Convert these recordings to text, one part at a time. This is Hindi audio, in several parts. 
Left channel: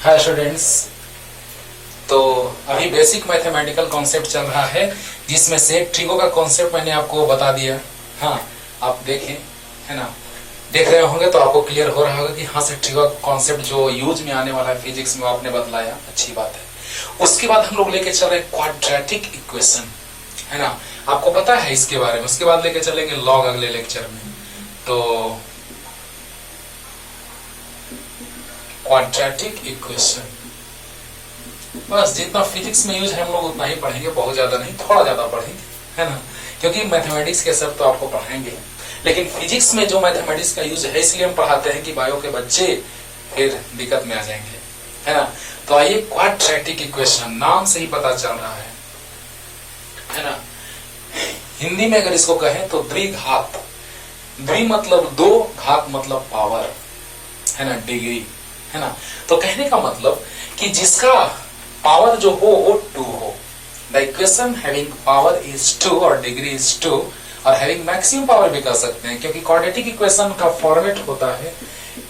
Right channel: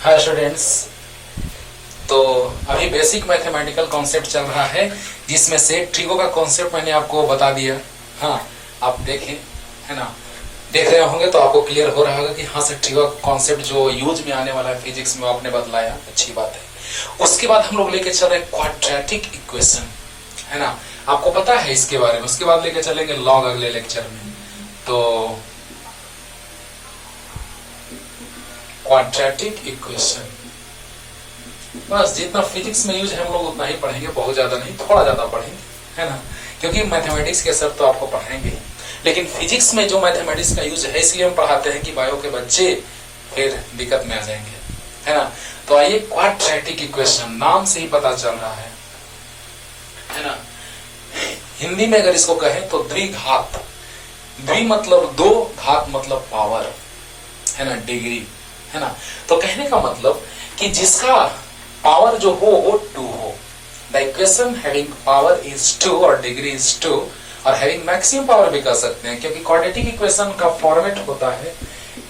Hi students. तो अभी बेसिक मैथमेटिकल कॉन्सेप्ट चल रहा है जिसमें से ट्रिगो का कॉन्सेप्ट मैंने आपको बता दिया। हाँ, आप देखें, है ना, देख रहे होंगे तो आपको क्लियर हो रहा होगा कि हाँ से ट्रिगो का कॉन्सेप्ट जो यूज में आने वाला है फिजिक्स में आपने बतलाया, अच्छी बात है। उसके बाद हम लोग लेके चल रहे हैं क्वाड्रेटिक इक्वेशन, है ना, आपको पता है इसके बारे में। उसके बाद लेके चलेंगे लॉग अगले लेक्चर में। तो क्वाड्रेटिक इक्वेशन बस जितना फिजिक्स में यूज है हम लोग उतना ही पढ़ेंगे, बहुत ज्यादा नहीं, थोड़ा ज्यादा पढ़ेंगे, है ना, क्योंकि मैथमेटिक्स के सब तो आपको पढ़ाएंगे, लेकिन फिजिक्स में जो मैथमेटिक्स का यूज है इसलिए हम पढ़ाते हैं कि बायो के बच्चे फिर दिक्कत में आ जाएंगे, है ना। तो आइए, क्वाड्रेटिक इक्वेशन नाम से ही पता चल रहा है ना। हिंदी में अगर इसको कहें तो द्विघात, द्वि मतलब दो, घात मतलब पावर, है ना, डिग्री, है ना। तो कहने का मतलब कि जिसका पावर जो हो वो 2 हो। The equation having power is 2 और डिग्री इज 2, और हैविंग मैक्सिमम पावर भी कर सकते हैं, क्योंकि क्वाड्रेटिक इक्वेशन का फॉर्मेट होता है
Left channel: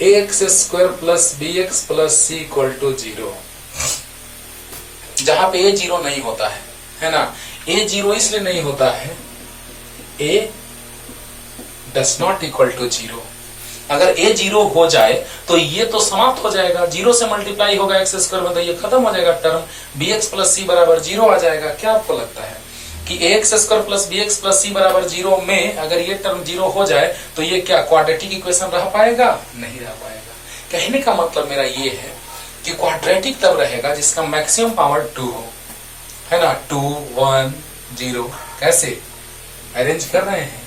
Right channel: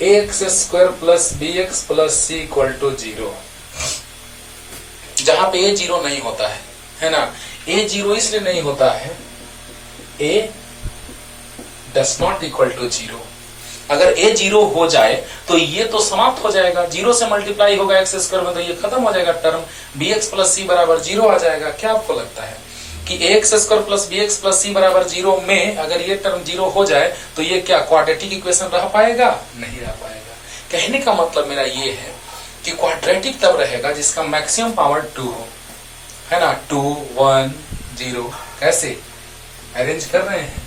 ax² plus bx plus c equal to 0, जहां पे a 0 नहीं होता है ना। a 0 इसलिए नहीं होता है, a does not equal to 0। अगर a 0 हो जाए तो ये तो समाप्त हो जाएगा, 0 से मल्टीप्लाई होगा x² में, तो ये खत्म हो जाएगा टर्म, bx प्लस c बराबर 0 आ जाएगा। क्या आपको लगता है कि ax² plus bx plus c बराबर 0 में अगर ये टर्म 0 हो जाए तो ये क्या क्वाड्रेटिक इक्वेशन रह पाएगा? नहीं रह पाएगा। कहने का मतलब मेरा ये है कि क्वाड्रेटिक तब रहेगा जिसका मैक्सिमम पावर 2 हो, है ना। 2 1 0 कैसे अरेंज कर रहे हैं?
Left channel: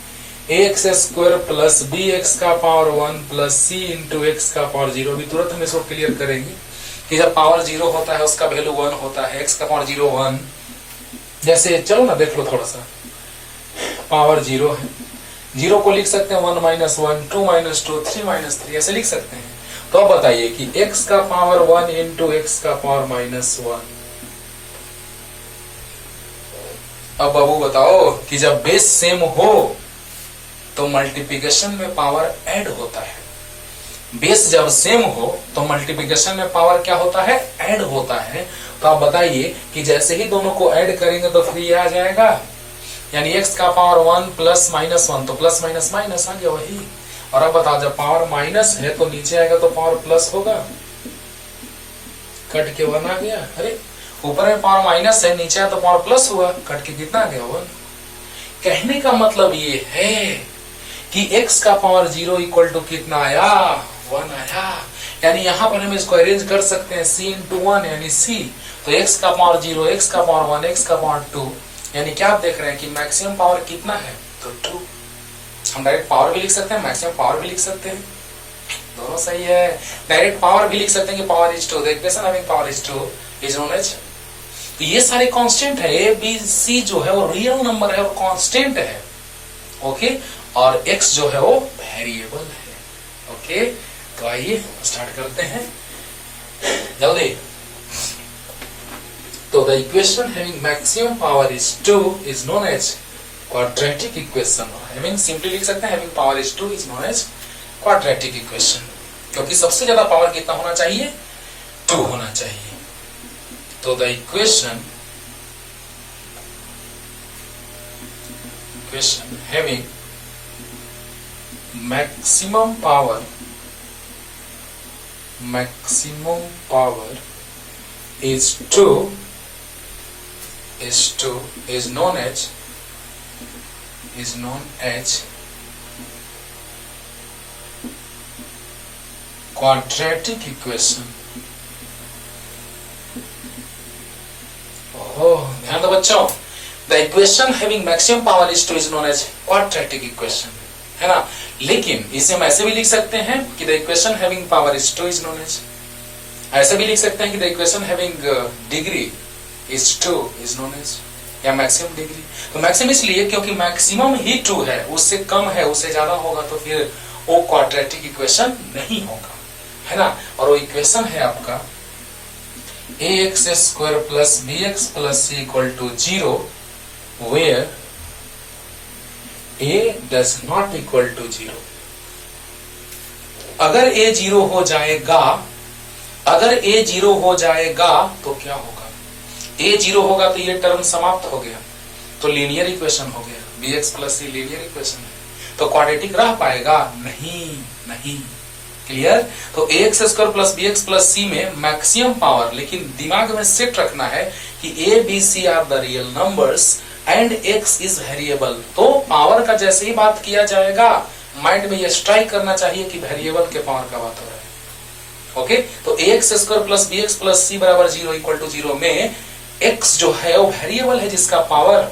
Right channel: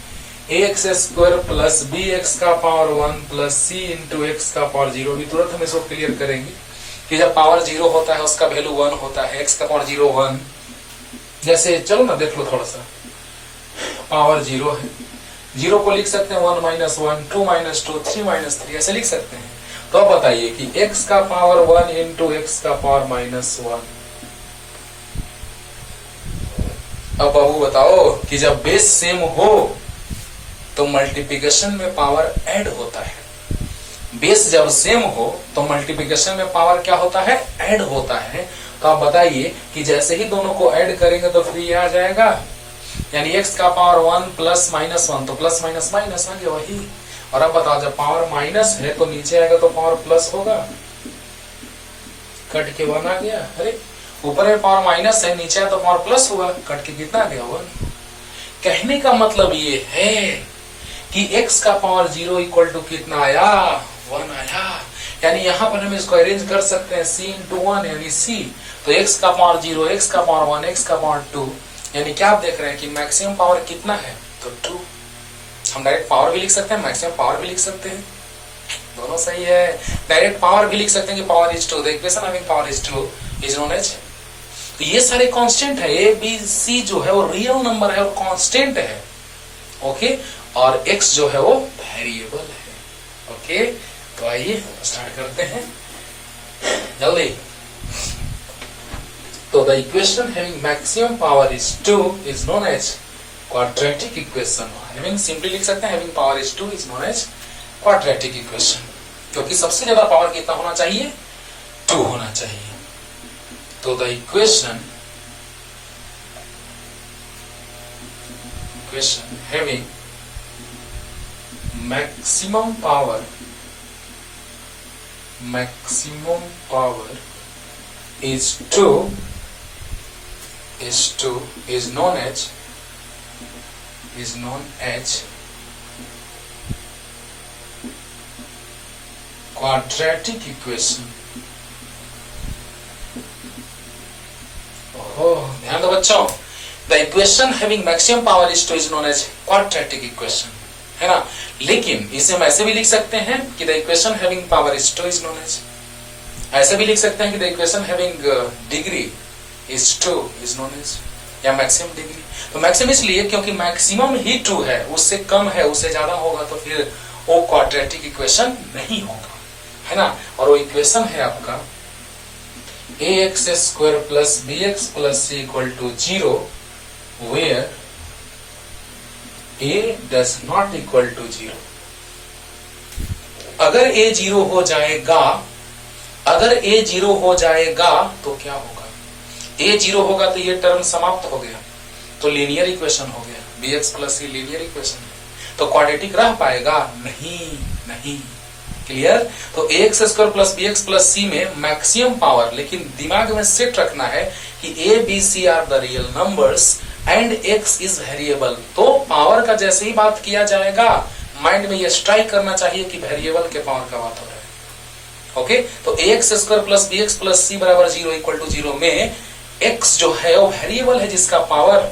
ax² प्लस bx का power 1 plus c into x का पावर 0। भी तुरंत हम इसको क्लियर करेंगे कि जब पावर 0 होता है उसका वैल्यू 1 होता है, x का पावर 0 1। जैसे चलो ना देख लो थोड़ा सा, पावर 0 है, 0 को लिख सकते हैं 1 माइनस 1, 2 माइनस 2, 3 माइनस 3, ऐसे लिख सकते हैं। तो अब बताइए कि x का पावर 1 इंटू x का पावर माइनस 1। अब बाबू बताओ कि जब बेस सेम हो तो मल्टीप्लिकेशन में पावर ऐड होता है। बेस जब सेम हो तो मल्टीप्लिकेशन में पावर क्या होता है? ऐड होता है। तो आप बताइए कि जैसे ही दोनों को ऐड करेंगे तो फिर ये आ जाएगा, यानी x का पावर 1 प्लस माइनस 1, तो प्लस माइनस माइनस आ गया वही। और अब बताओ जब पावर माइनस है तो नीचे आएगा तो पावर प्लस होगा, कट के 1 आ गया। अरे ऊपर में पावर माइनस है, नीचे आया तो पावर प्लस हुआ, कट के कितना आ गया 1। कहने का मतलब ये है कि x का पावर 0 इक्वल टू कितना आया? 1 आया। यानी यहां पर हम इसको अरेंज कर सकते हैं c इंटू 1 यानी c। तो x का पावर 0, x का पावर 1, x का पावर 2, यानी क्या आप देख रहे हैं कि मैक्सिमम पावर कितना है? तो 2। हम डायरेक्ट पावर भी लिख सकते हैं, मैक्सिमम पावर भी लिख सकते हैं, दोनों सही है। डायरेक्ट पावर भी लिख सकते हैं कि power is 2, the equation having power is 2 is known as. तो ये सारे कांस्टेंट है, a b c जो है वो रियल नंबर है और कांस्टेंट है, ओके, और x जो है वो वेरिएबल है, ओके। तो आइए स्टार्ट करते हैं जल्दी। तो the equation having maximum power is 2 is known as quadratic equation. Having simply लिख सकते हैं having power is 2 is known as quadratic equation, क्योंकि सबसे ज्यादा पावर कितना होना चाहिए? 2 होना चाहिए। तो the equation having maximum power is 2 is known as quadratic equation। ध्यान दो बच्चों, the equation having maximum power is 2 is known as quadratic equation, है ना। लेकिन इसे हम ऐसे भी लिख सकते हैं कि the equation having power is 2 is known as, ऐसे भी लिख सकते हैं कि the equation having degree is 2 is known as, या मैक्सिमम डिग्री। तो मैक्सिमम इसलिए क्योंकि मैक्सिमम ही 2 है, उससे कम है, उससे ज्यादा होगा तो फिर वो क्वाड्रेटिक इक्वेशन नहीं होगा, है ना। और वो इक्वेशन है आपका ax² plus bx plus c equal to 0 where a does not equal to 0। अगर a 0 हो जाएगा अगर a 0 हो जाएगा तो क्या होगा, a 0 होगा तो ये टर्म समाप्त हो गया, तो लीनियर इक्वेशन हो गया, bx प्लस सी लीनियर इक्वेशन है। तो क्वाड्रेटिक रह पाएगा? नहीं, नहीं। क्लियर? तो ax square plus bx plus C में मैक्सिमम पावर, लेकिन दिमाग में सेट रखना है कि a b c are the real numbers and x is variable. तो पावर का जैसे ही बात किया जाएगा माइंड में ये स्ट्राइक करना चाहिए कि वेरिएबल के पावर का बात हो रहा है। ओके, तो ax square plus bx plus C बराबर 0 इक्वल टू 0 में x जो है वो वेरिएबल है जिसका पावर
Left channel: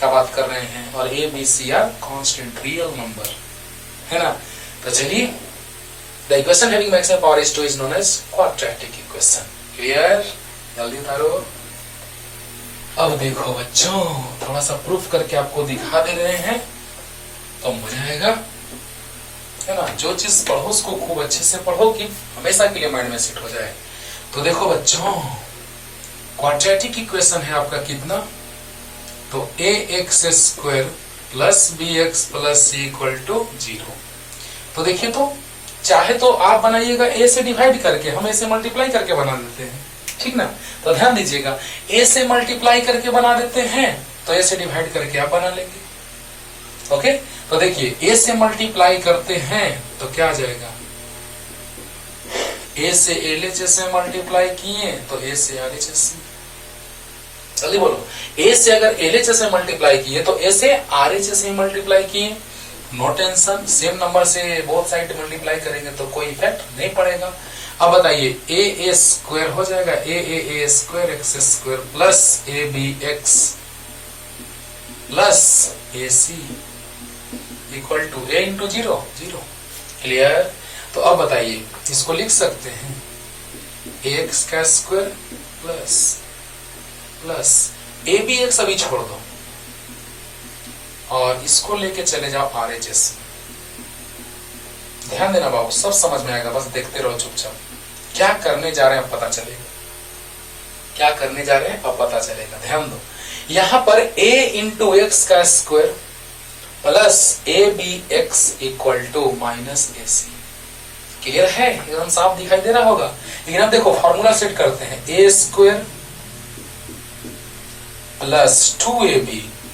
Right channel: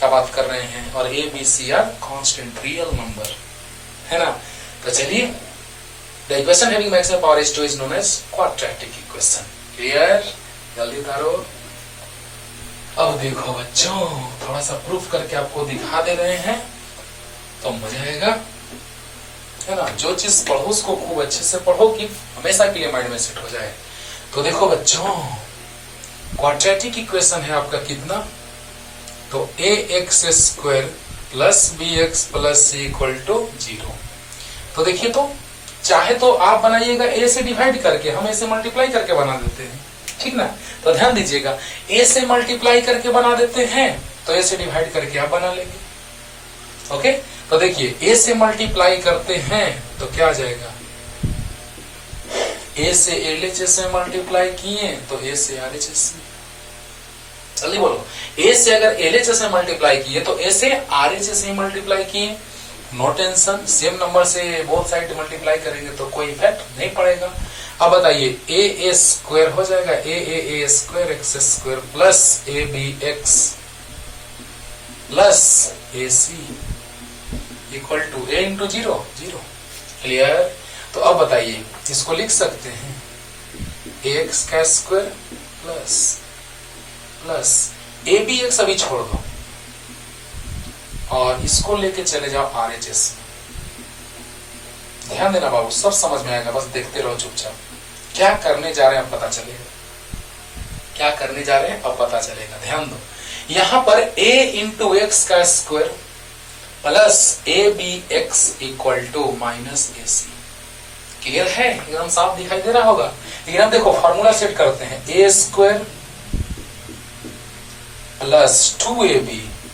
का बात कर रहे हैं, और a b c are constant real number है ना। तो चलिए, the equation having maximum power is 2 is known as quadratic equation. Clear? जल्दी तारो। अब देखो बच्चों, थोड़ा सा प्रूफ करके आपको दिखा दे रहे हैं तो मजा आएगा, है ना। जो चीज पढ़ो उसको खूब अच्छे से पढ़ो कि हमेशा के लिए माइंड में सेट हो जाए। तो देखो बच्चों, क्वाड्रेटिक इक्वेशन है आपका कितना, तो ax square plus bx plus C equal to 0। तो देखिए, तो चाहे तो आप बनाइएगा a से डिवाइड करके, हम a से मल्टीप्लाई करके बना देते हैं, ठीक ना। तो ध्यान दीजिएगा, a से मल्टीप्लाई करके बना देते हैं तो a से डिवाइड करके आप बना लेंगे। ओके, तो देखिए a से मल्टीप्लाई करते हैं तो क्या आ जाएगा, a से LHS से मल्टीप्लाई किए तो a से RHS से। जल्दी बोलो, a से अगर LHS से मल्टीप्लाई किए तो a से RHS से मल्टीप्लाई किए, नो टेंशन, सेम नंबर से बोथ साइड मल्टीप्लाई करेंगे तो कोई इफेक्ट नहीं पड़ेगा। अब बताइए, a स्क्वायर हो जाएगा a square x square plus abx plus ac equal to a into 0 0। क्लियर? तो अब बताइए, इसको लिख सकते हैं ax का स्क्वायर प्लस प्लस abx अभी छोड़ दो और इसको लेके चले जाओ RHS में। ध्यान देना बाबू, सब समझ में आएगा, बस देखते रहो चुपचाप। क्या करने जा रहे हैं अब पता चलेगा, क्या करने जा रहे हैं अब पता चलेगा। ध्यान दो, यहां पर a इंटू एक्स का square plus abx equal to minus ac। Clear है? एकदम साफ दिखाई दे रहा होगा। लेकिन अब देखो, फॉर्मूला सेट करते हैं, a square plus 2ab,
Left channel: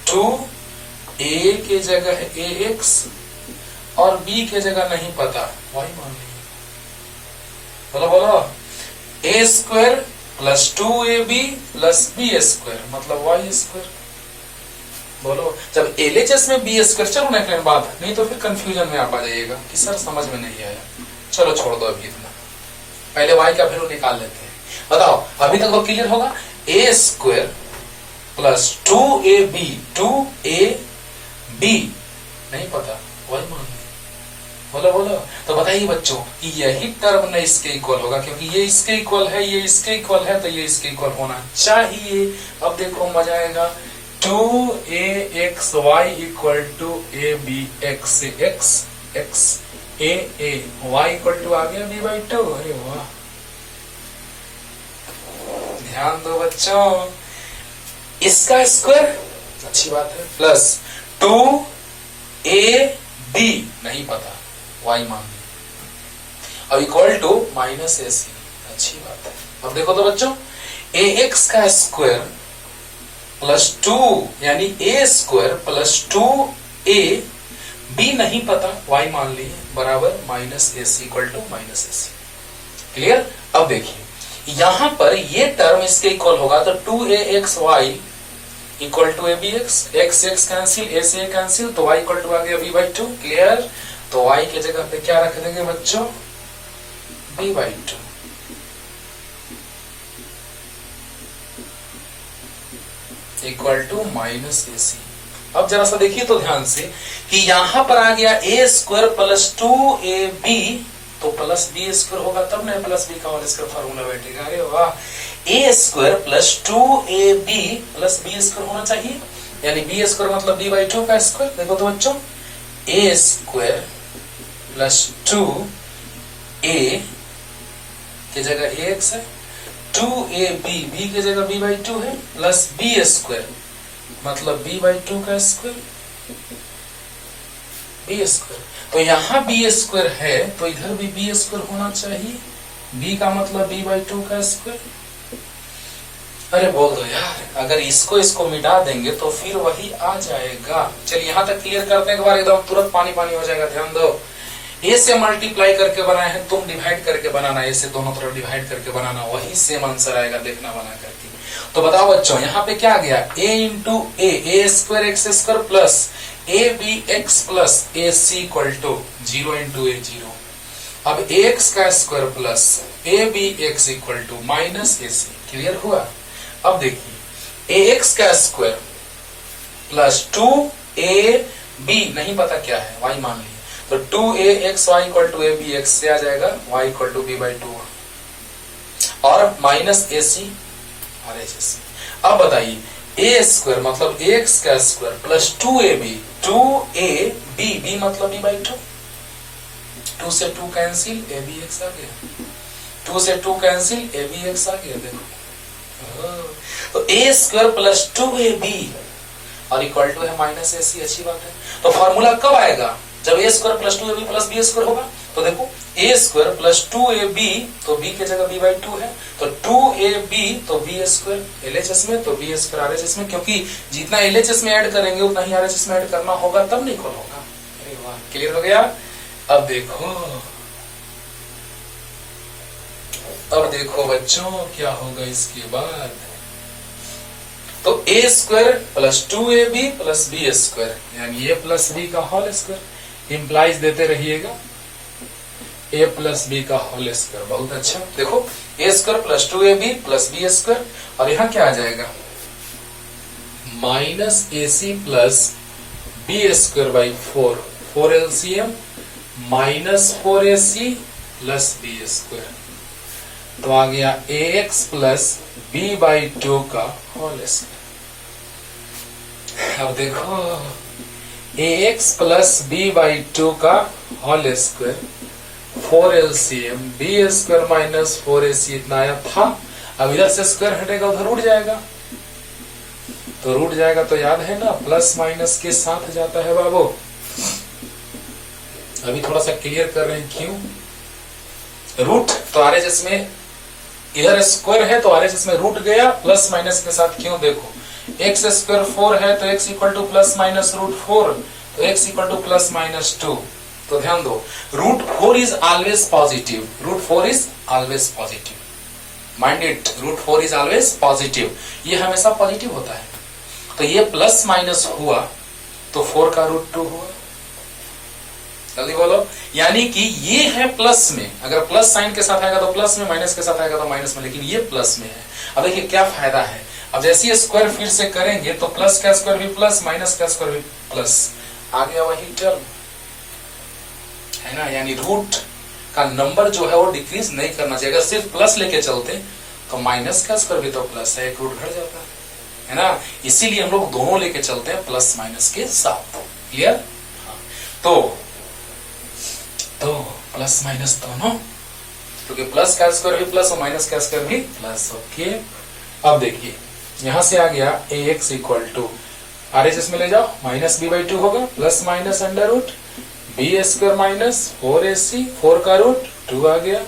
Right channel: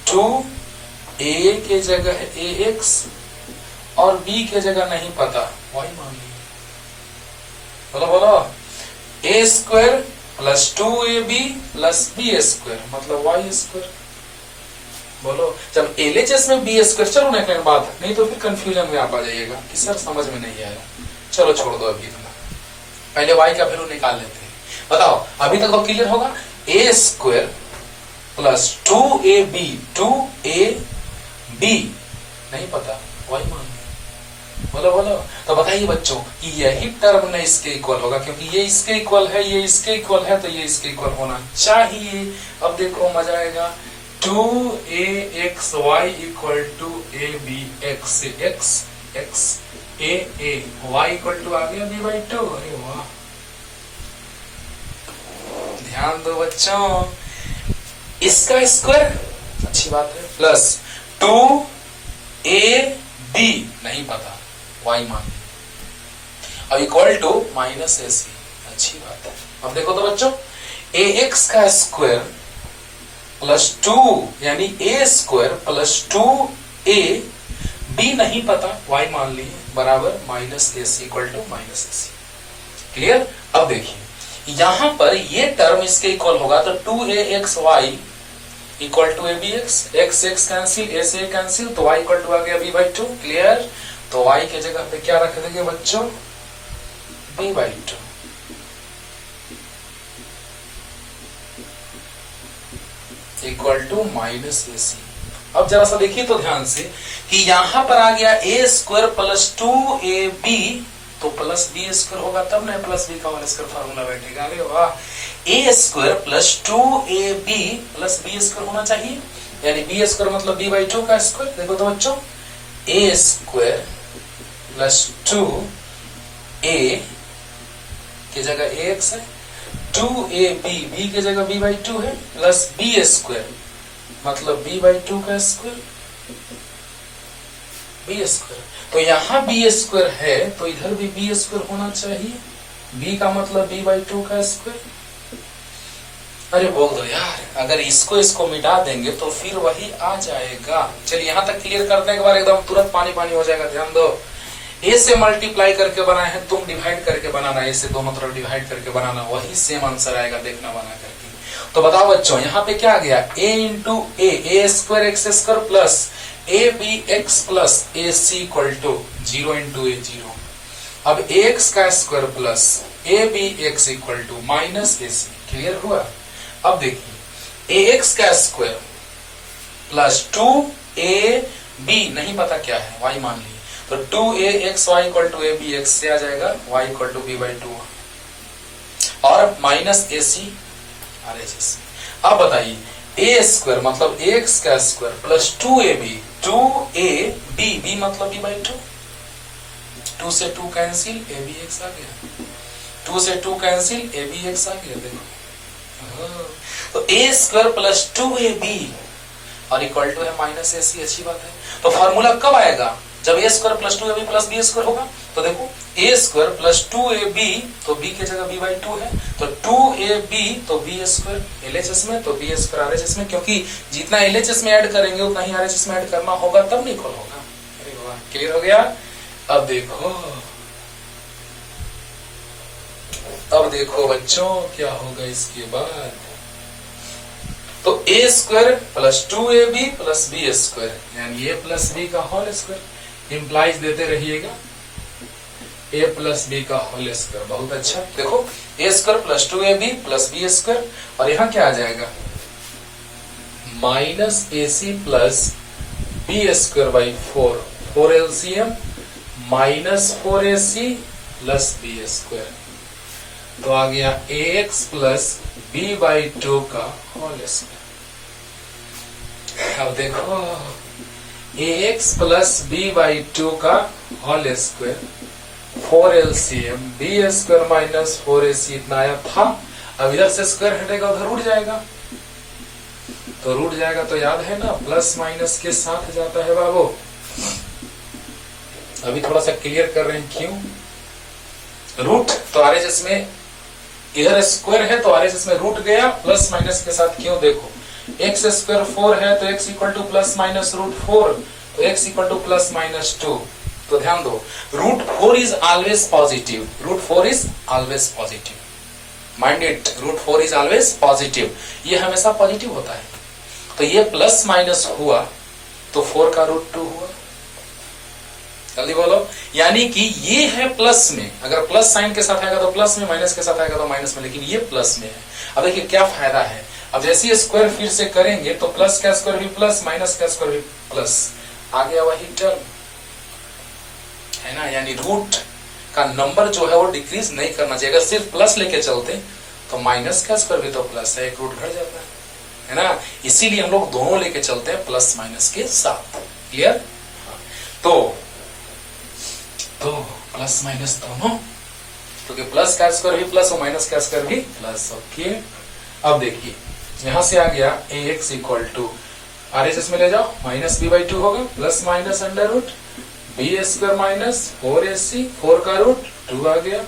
2a के जगह ax और b के जगह नहीं पता, y मान लीजिए। बोलो बोलो, a square plus 2ab plus b square मतलब y स्क्वायर। बोलो, जब LHS में b स्क्वायर, चलो नेक्स्ट टाइम बात, नहीं तो फिर कंफ्यूजन में आप आ जाइएगा कि सर समझ में नहीं आया। चलो छोड़ दो अभी इतना, पहले y का वैल्यू निकाल लेते हैं। बताओ, अभी तक तो क्लियर होगा, a square plus 2ab, 2ab नहीं पता, y मान। बोलो बोलो, तो बताइए बच्चों कि यही टर्म न इसके इक्वल होगा, क्योंकि ये इसके इक्वल है, ये इसके इक्वल है, तो ये इसके इक्वल होना चाहिए। अब देखो मजा आएगा, 2axy इक्वल टू abx से x a y equal to आ गया b/2। अरे वाह, ध्यान दो बच्चों, इसका स्क्वायर अच्छी बात है, प्लस 2ab नहीं पता, y मान लिया, अब इक्वल टू माइनस ac, अच्छी बात है। अब देखो तो बच्चों, ax का स्क्वायर प्लस 2 यानी a square plus 2a, b नहीं पता, y मान लिए, बराबर minus ac equal to minus ac। Clear? अब देखिए, यहां पर ये टर्म इसके इक्वल होगा, तो 2axy equal to abx, x x cancel, a से कैंसिल, तो y इक्वल टू आ गया b/2। क्लियर? तो y के जगह पे क्या रख देंगे बच्चों, b/2। Equal to minus ac। अब जरा सा देखिए तो ध्यान से कि यहां पर आ गया a स्क्वायर प्लस 2ab, तो प्लस b स्क्वायर होगा तब ना प्लस b का होल स्क्वायर फार्मूला बैठेगा। अरे वाह, a square plus 2ab plus b square होना चाहिए, यानी b स्क्वायर मतलब b/2 का स्क्वायर। देखो तो बच्चों, a स्क्वायर प्लस 2a की जगह ax है, 2ab b की जगह b/2 है, प्लस b स्क्वायर मतलब b/2 का स्क्वायर, b स्क्वायर। तो यहाँ b स्क्वायर है तो इधर भी b स्क्वायर होना चाहिए, b का मतलब b/2 का स्क्वायर। अरे बोल दो यार, अगर इसको मिटा देंगे तो फिर वही आ जाएगा। चलिए यहां तक क्लियर करते हैं एक बार, एकदम तुरंत पानी पानी हो जाएगा। ध्यान दो, ए से मल्टीप्लाई करके बनाए हैं, तुम डिवाइड करके बनाना, ए से दोनों तरफ डिवाइड करके बनाना, वही सेम आंसर आएगा, देखना बना करके। तो बताओ बच्चों, यहाँ पे क्या आ गया, a into A square X square plus A B X plus A C equal to 0 into A 0। अब ए एक्स का square plus A B X equal to minus A C. Clear हुआ? अब देखिए, ए एक्स का स्क्वायर प्लस 2ab नहीं पता क्या है, y मान लीजिए, तो 2axy equal to ab x से आ जाएगा y इक्वल टू b/2 और minus A C R H S. अब बताइए, ए स्क्वायर मतलब एक्स का square plus 2ab 2ab b मतलब b/2, 2 से 2 कैंसिल ab x आ गया, 2 से 2 कैंसिल ab x आ गया। देखो, तो ए स्क्वायर प्लस 2ab और इक्वल टू है माइनस ए सी। अच्छी बात है। तो फॉर्मूला कब आएगा? जब A square plus 2ab plus B square होगा। तो देखो, ए स्क्वायर प्लस 2ab तो b की जगह b/2 है, तो 2ab तो b स्क्वायर एलएचएस में, तो b स्क्वायर आरएचएस में, क्योंकि जितना एलएचएस में ऐड करेंगे उतना ही आरएचएस में ऐड करना होगा, तब नहीं इक्वल होगा। अरे वाह, क्लियर हो गया? अब देखो बच्चों क्या होगा इसके बाद। तो A square plus 2ab plus B square यानी ए प्लस बी का होल स्क्वायर, इंप्लाइज देते रहिएगा, a प्लस बी का होल स्क्वायर। बहुत अच्छा। देखो, A square plus 2ab plus B square, और यहां क्या आ जाएगा, minus A C plus B square by 4 LCM minus 4ac plus B square. तो आ गया ax प्लस b/2 का होल स्क्वायर। अब देखो, ax प्लस b/2 का whole square 4 LCM B square minus 4ac इतना आया था। अब इधर से स्क्वायर हटेगा, उधर रूट जाएगा, तो रूट जाएगा तो याद है ना, प्लस माइनस के साथ जाता है बाबू। अभी थोड़ा सा क्लियर कर रहे हैं क्यों। रूट तो आरएचएस में इधर स्क्वायर है तो आरएचएस में रूट गया, प्लस माइनस के साथ क्यों। देखो, एक्स स्क्वायर 4 है तो X equal to plus minus root 4, तो X equal to plus minus 2। तो ध्यान दो, root 4 is always positive, root 4 is always positive, mind it, root 4 is always positive, ये हमेशा पॉजिटिव होता है। तो ये प्लस माइनस हुआ तो 4 का रूट 2 हुआ। जल्दी बोलो, यानी कि ये है प्लस में, अगर प्लस साइन के साथ आएगा तो प्लस में, माइनस के साथ आएगा तो माइनस में, लेकिन ये प्लस में है। अब देखिए क्या फायदा है, अब जैसे स्क्वायर फिर से करेंगे तो प्लस का स्क्वायर भी प्लस, माइनस का स्क्वायर भी प्लस, आ गया वही टर्म है ना। यानी रूट का नंबर जो है वो डिक्रीज नहीं करना चाहिए। अगर सिर्फ प्लस लेके चलते तो माइनस का स्क्वायर भी तो प्लस है, एक रूट घट जाता है ना। इसीलिए हम लोग दोनों लेके चलते हैं प्लस माइनस के साथ। क्लियर? तो प्लस माइनस दोनों, क्योंकि प्लस का स्क्वायर भी प्लस और माइनस का स्क्वायर भी प्लस। ओके, अब देखिए यहां से आ गया ax इक्वल टू आरएचएस में ले जाओ, माइनस b/2 होगा, plus minus under root B square minus 4ac, 4 का रूट 2 आ गया,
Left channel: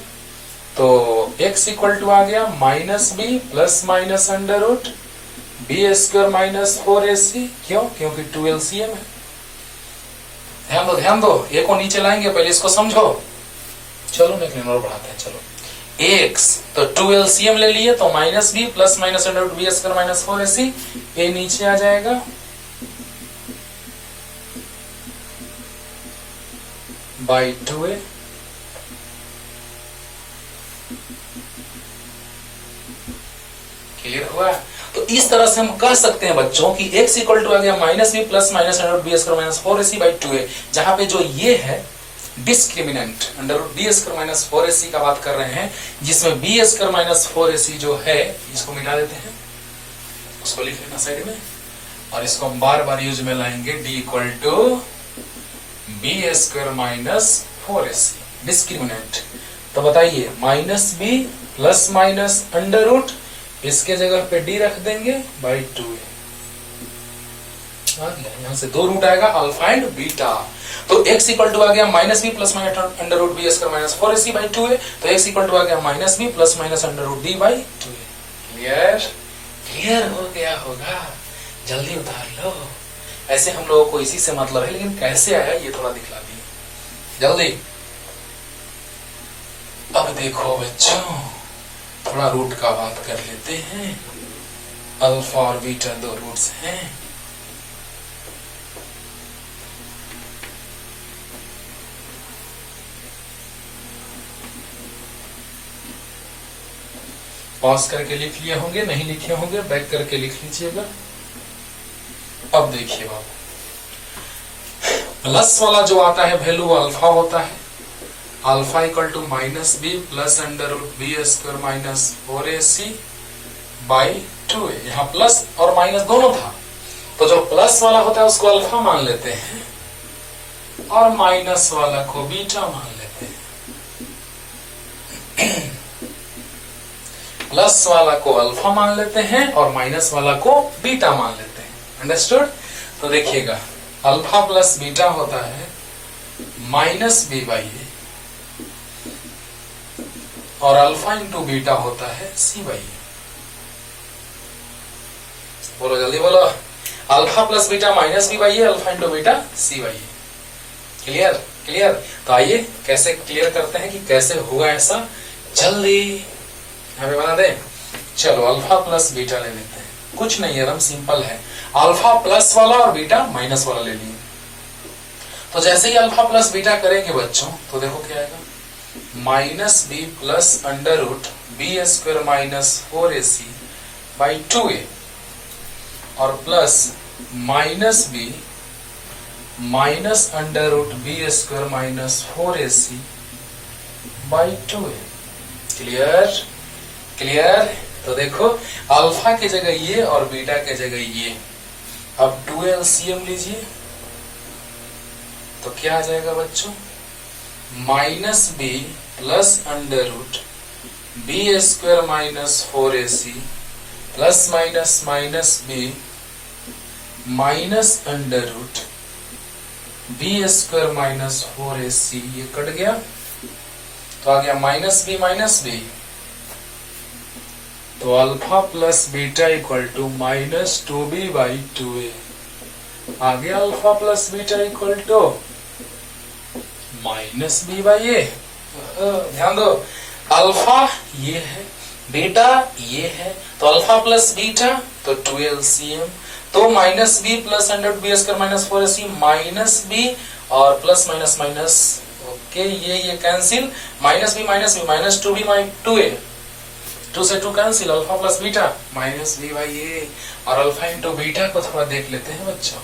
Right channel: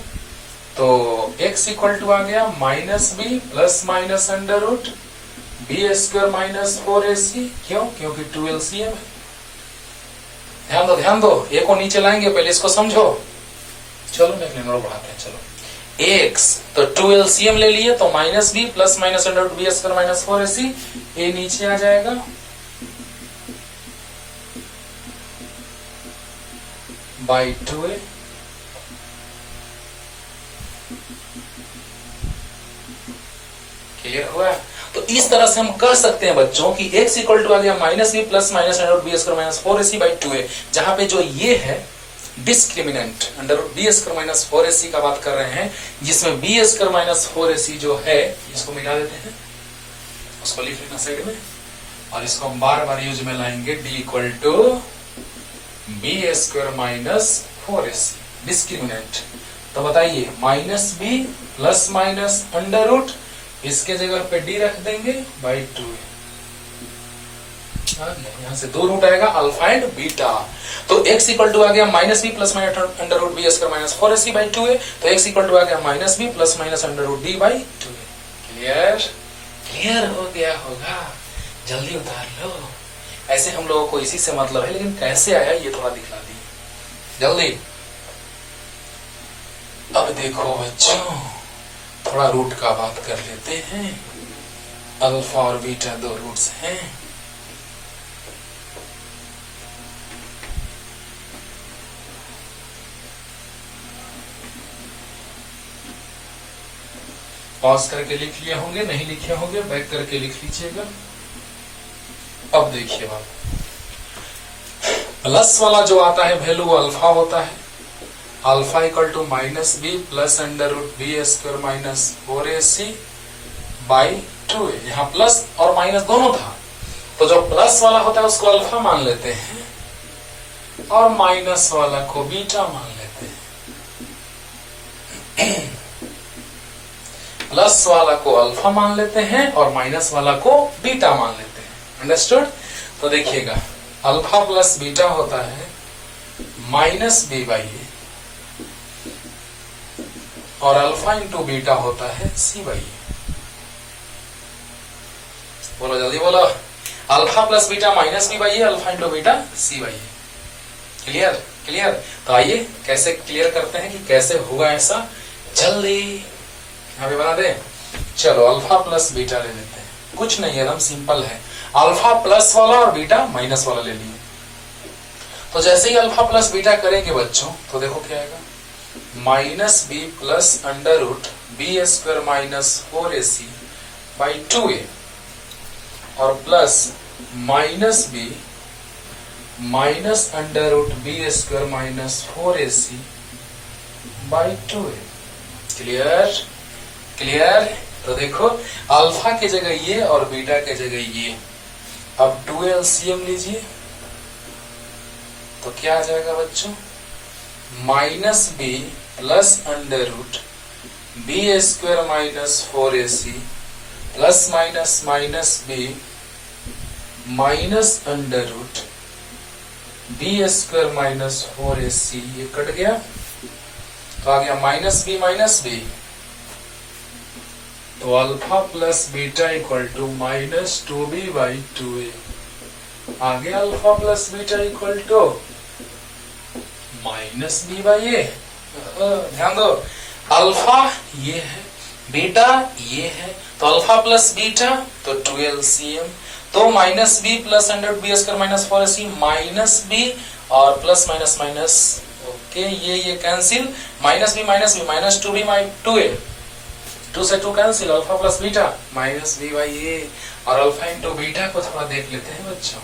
तो x इक्वल टू आ गया minus b plus minus under root B square minus 4ac। क्यों? क्योंकि 2 एलसीएम है। ध्यान दो, ए को नीचे लाएंगे, पहले इसको समझो। चलो नेक्स्ट नंबर बढ़ाते हैं। चलो, ax तो 2 एलसीएम ले लिए, तो minus b plus minus under root B square minus 4ac, A नीचे आ जाएगा, बाई 2a। क्लियर हुआ? तो इस तरह से हम कह सकते हैं बच्चों कि x इक्वल टू आ गया minus B plus minus under root B square minus 4ac by 2a, जहां पे जो ये है discriminant under root B square minus 4ac का बात कर रहे हैं, जिसमें बी स्क्वायर माइनस 4ac जो है इसको मिला देते हैं, उसको लिख लेना साइड में, और इसको हम बार बार यूज में लाएंगे, d equal to B square minus 4ac discriminant. तो बताइए, minus B plus minus under root, इसके जगह पे d रख देंगे बाई 2a। आ गया, यहाँ से 2 रूट आएगा अल्फा एंड बीटा। तो x इक्वल टू आ गया minus B plus minus under root B square minus 4ac by 2a। तो x इक्वल टू आ गया minus B plus minus under root b by 2a। Clear? Clear हो गया होगा, जल्दी उतार लो। ऐसे हम लोगों को इसी से मतलब है, लेकिन कैसे आया ये थोड़ा दिखला दिए जल्दी। अब देखो बच्चों, थोड़ा रूट का बात कर लेते हैं। अल्फा और बीटा 2 रूट्स हैं। पॉज करके लिख लिए होंगे, नहीं लिखे होंगे बैक करके लिख लीजिएगा। अब देखिए बात, प्लस वाला जो आता है वैल्यू वो अल्फा होता है। Alpha equal to minus B plus under root B square minus 4ac by 2a। यहाँ प्लस और माइनस दोनों था, तो जो प्लस वाला होता है उसको अल्फा मान लेते हैं और माइनस वाला को बीटा मान लेते हैं। प्लस वाला को अल्फा मान लेते हैं और माइनस वाला को बीटा मान लेते हैं। अंडरस्टूड? तो देखिएगा, अल्फा प्लस बीटा होता है माइनस बी बाई ए और अल्फा इंटू बीटा होता है सी बाई ए। बोलो जल्दी बोलो, alpha plus beta minus B by A, alpha into beta C by A. Clear? Clear? तो आइए कैसे क्लियर करते हैं कि कैसे हुआ ऐसा, जल्दी यहाँ पे बना दे। चलो अल्फा प्लस बीटा ले लेते हैं, कुछ नहीं एकदम सिंपल है। अल्फा प्लस वाला और बीटा माइनस वाला ले लिए। तो जैसे ही अल्फा प्लस बीटा करेंगे बच्चों, तो देखो क्या आएगा, minus B plus under root B square minus 4ac by 2a और plus minus B minus under root B square minus 4ac by 2a। Clear? Clear? तो देखो अल्फा की जगह ये और बीटा की जगह ये। अब 2a एलसीएम लीजिए, तो क्या आ जाएगा बच्चों, minus B plus under root B square minus 4ac plus minus minus B minus under root B square minus 4ac, ये कट गया तो आ गया माइनस बी। तो alpha plus beta equal to minus 2b by 2a। आ गया alpha plus beta equal to minus B by A. ध्यान दो, अल्फा ये है, बीटा ये है, तो अल्फा प्लस बीटा तो 2 एलसीएम, तो minus B plus under B square minus 4ac minus B और प्लस माइनस माइनस, ओके ये cancel, minus B minus 2b by 2a, 2 से 2 cancel, alpha plus beta minus B by A. और अल्फा इंटू बीटा को थोड़ा देख लेते हैं बच्चों,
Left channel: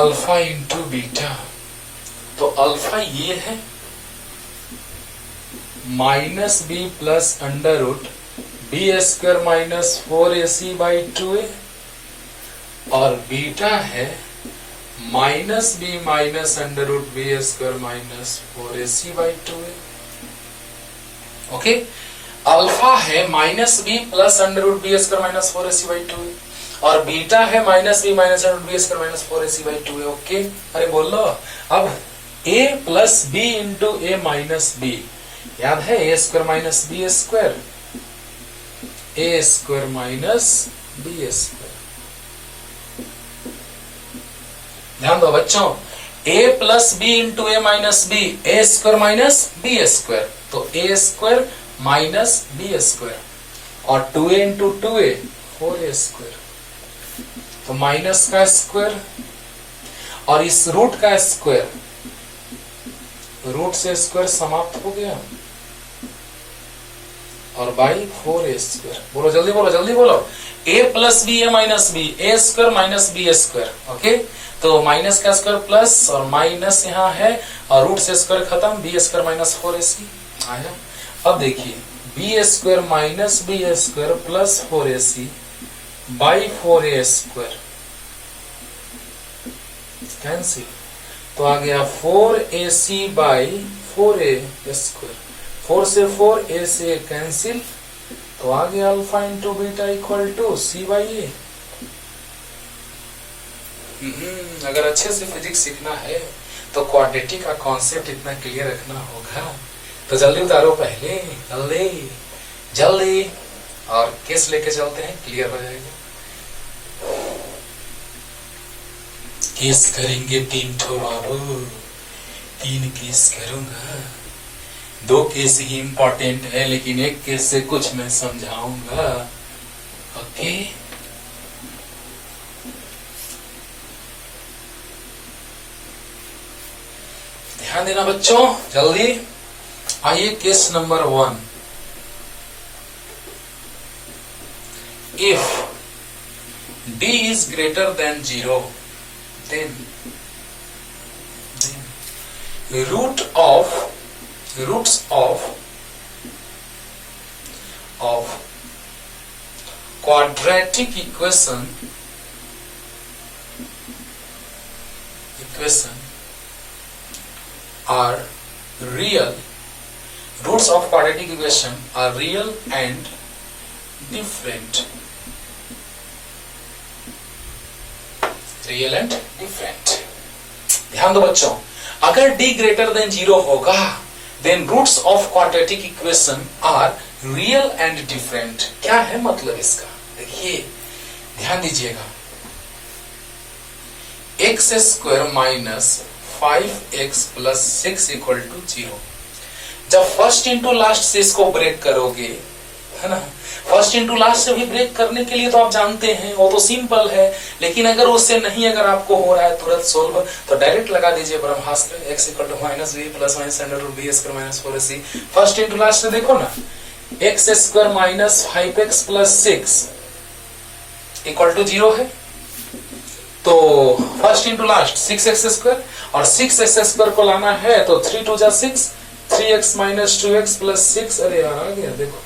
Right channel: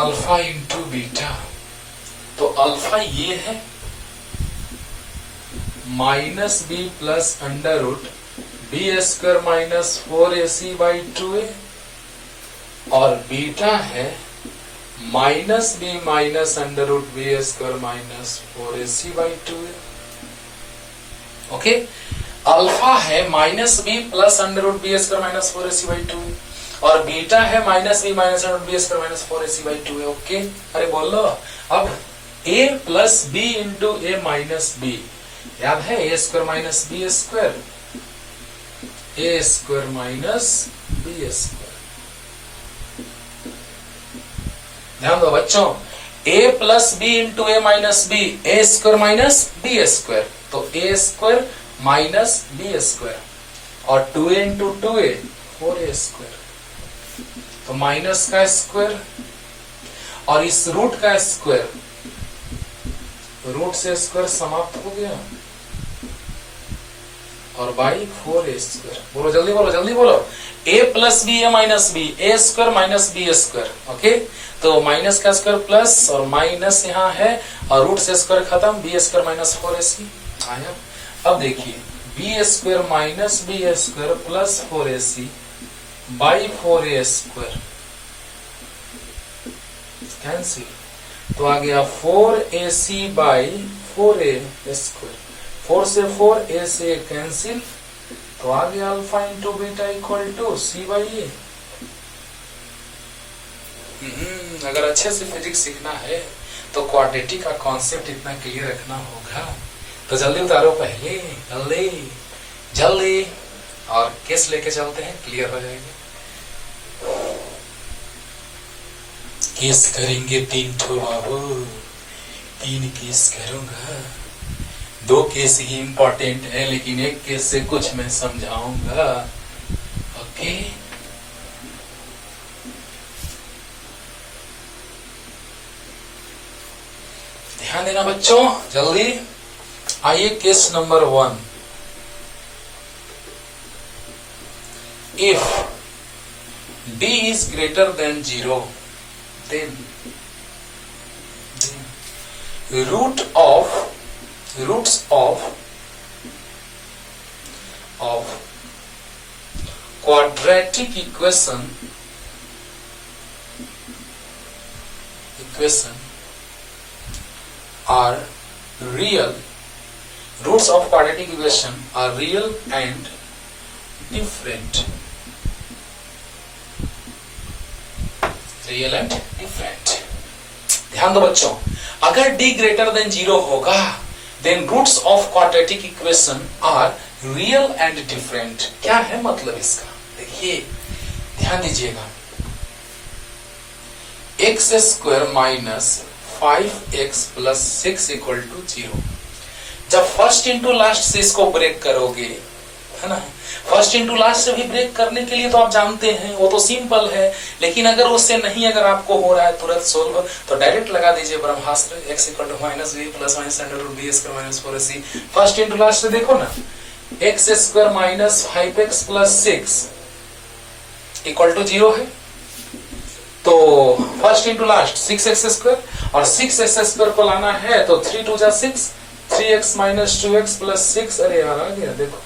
अल्फा इंटू बीटा, तो अल्फा ये है minus B plus under root B square minus 4ac by 2a और बीटा है minus B minus under root B square minus 4ac by 2a। Okay, alpha है minus B plus under root B square minus 4ac by 2a और बीटा है minus B minus under root B square minus 4ac by 2a। Okay, अरे बोल लो। अब a plus B into A minus B, याद है A square minus B square, A square minus B square. ध्यान दो बच्चों, a plus B into A minus B, A square minus B square, तो A square minus B square और 2a into 2a 4a square, तो माइनस का स्क्वायर और इस रूट का स्क्वायर, रूट से स्क्वायर समाप्त हो गया और बाई 4a स्क्वायर। बोलो जल्दी बोलो, जल्दी बोलो, a plus B A minus B, A square minus B square. Okay, तो माइनस का स्क्वायर प्लस और माइनस यहाँ है और रूट से स्क्वायर खत्म, बी स्क्वायर माइनस 4ac आया। अब देखिए B square minus B square plus 4ac by 4a square cancel, तो आ गया 4ac बाई 4a स्क्वायर, 4 से 4a से कैंसिल, तो आ गया alpha into beta equal to C by A. अगर अच्छे से फिजिक्स सीखना है तो क्वाड्रेटिक का कॉन्सेप्ट इतना क्लियर रखना होगा। तो जल्दी उतारो पहले, जल्दी जल्दी, और केस लेके चलते हैं, क्लियर हो जाएगा। केस करेंगे 3 ठो बाबू, 3 केस करूंगा। 2 केस ही इंपॉर्टेंट है, लेकिन एक केस से कुछ मैं समझाऊंगा। ओके, ध्यान देना बच्चों, जल्दी आइए। Case number 1, if d is greater than 0, then roots of quadratic equation are real. Roots of quadratic equation are real and different. Real and different. ध्यान दो बच्चों, अगर d greater than 0 होगा, then roots of quadratic equation are real and different. क्या है मतलब इसका? देखिए, ध्यान दीजिएगा। x square minus 5x plus 6 equal to 0। जब फर्स्ट इंटू लास्ट से इसको ब्रेक करोगे, है ना, फर्स्ट इंटू लास्ट से भी ब्रेक करने के लिए तो आप जानते हैं वो तो सिंपल है, लेकिन अगर उससे नहीं, अगर आपको हो रहा है तुरंत सोल्व, तो डायरेक्ट लगा दीजिए Brahmastra, x equal to minus B plus minus under root B square minus 4ac। First into last से देखो ना, x square minus 5x plus 6 equal to 0 है, तो first into last 6x square, और 6x स्क्वायर को लाना है तो 3 2 जा 6, 3x माइनस 2x प्लस 6, अरे यार आ गया देखो,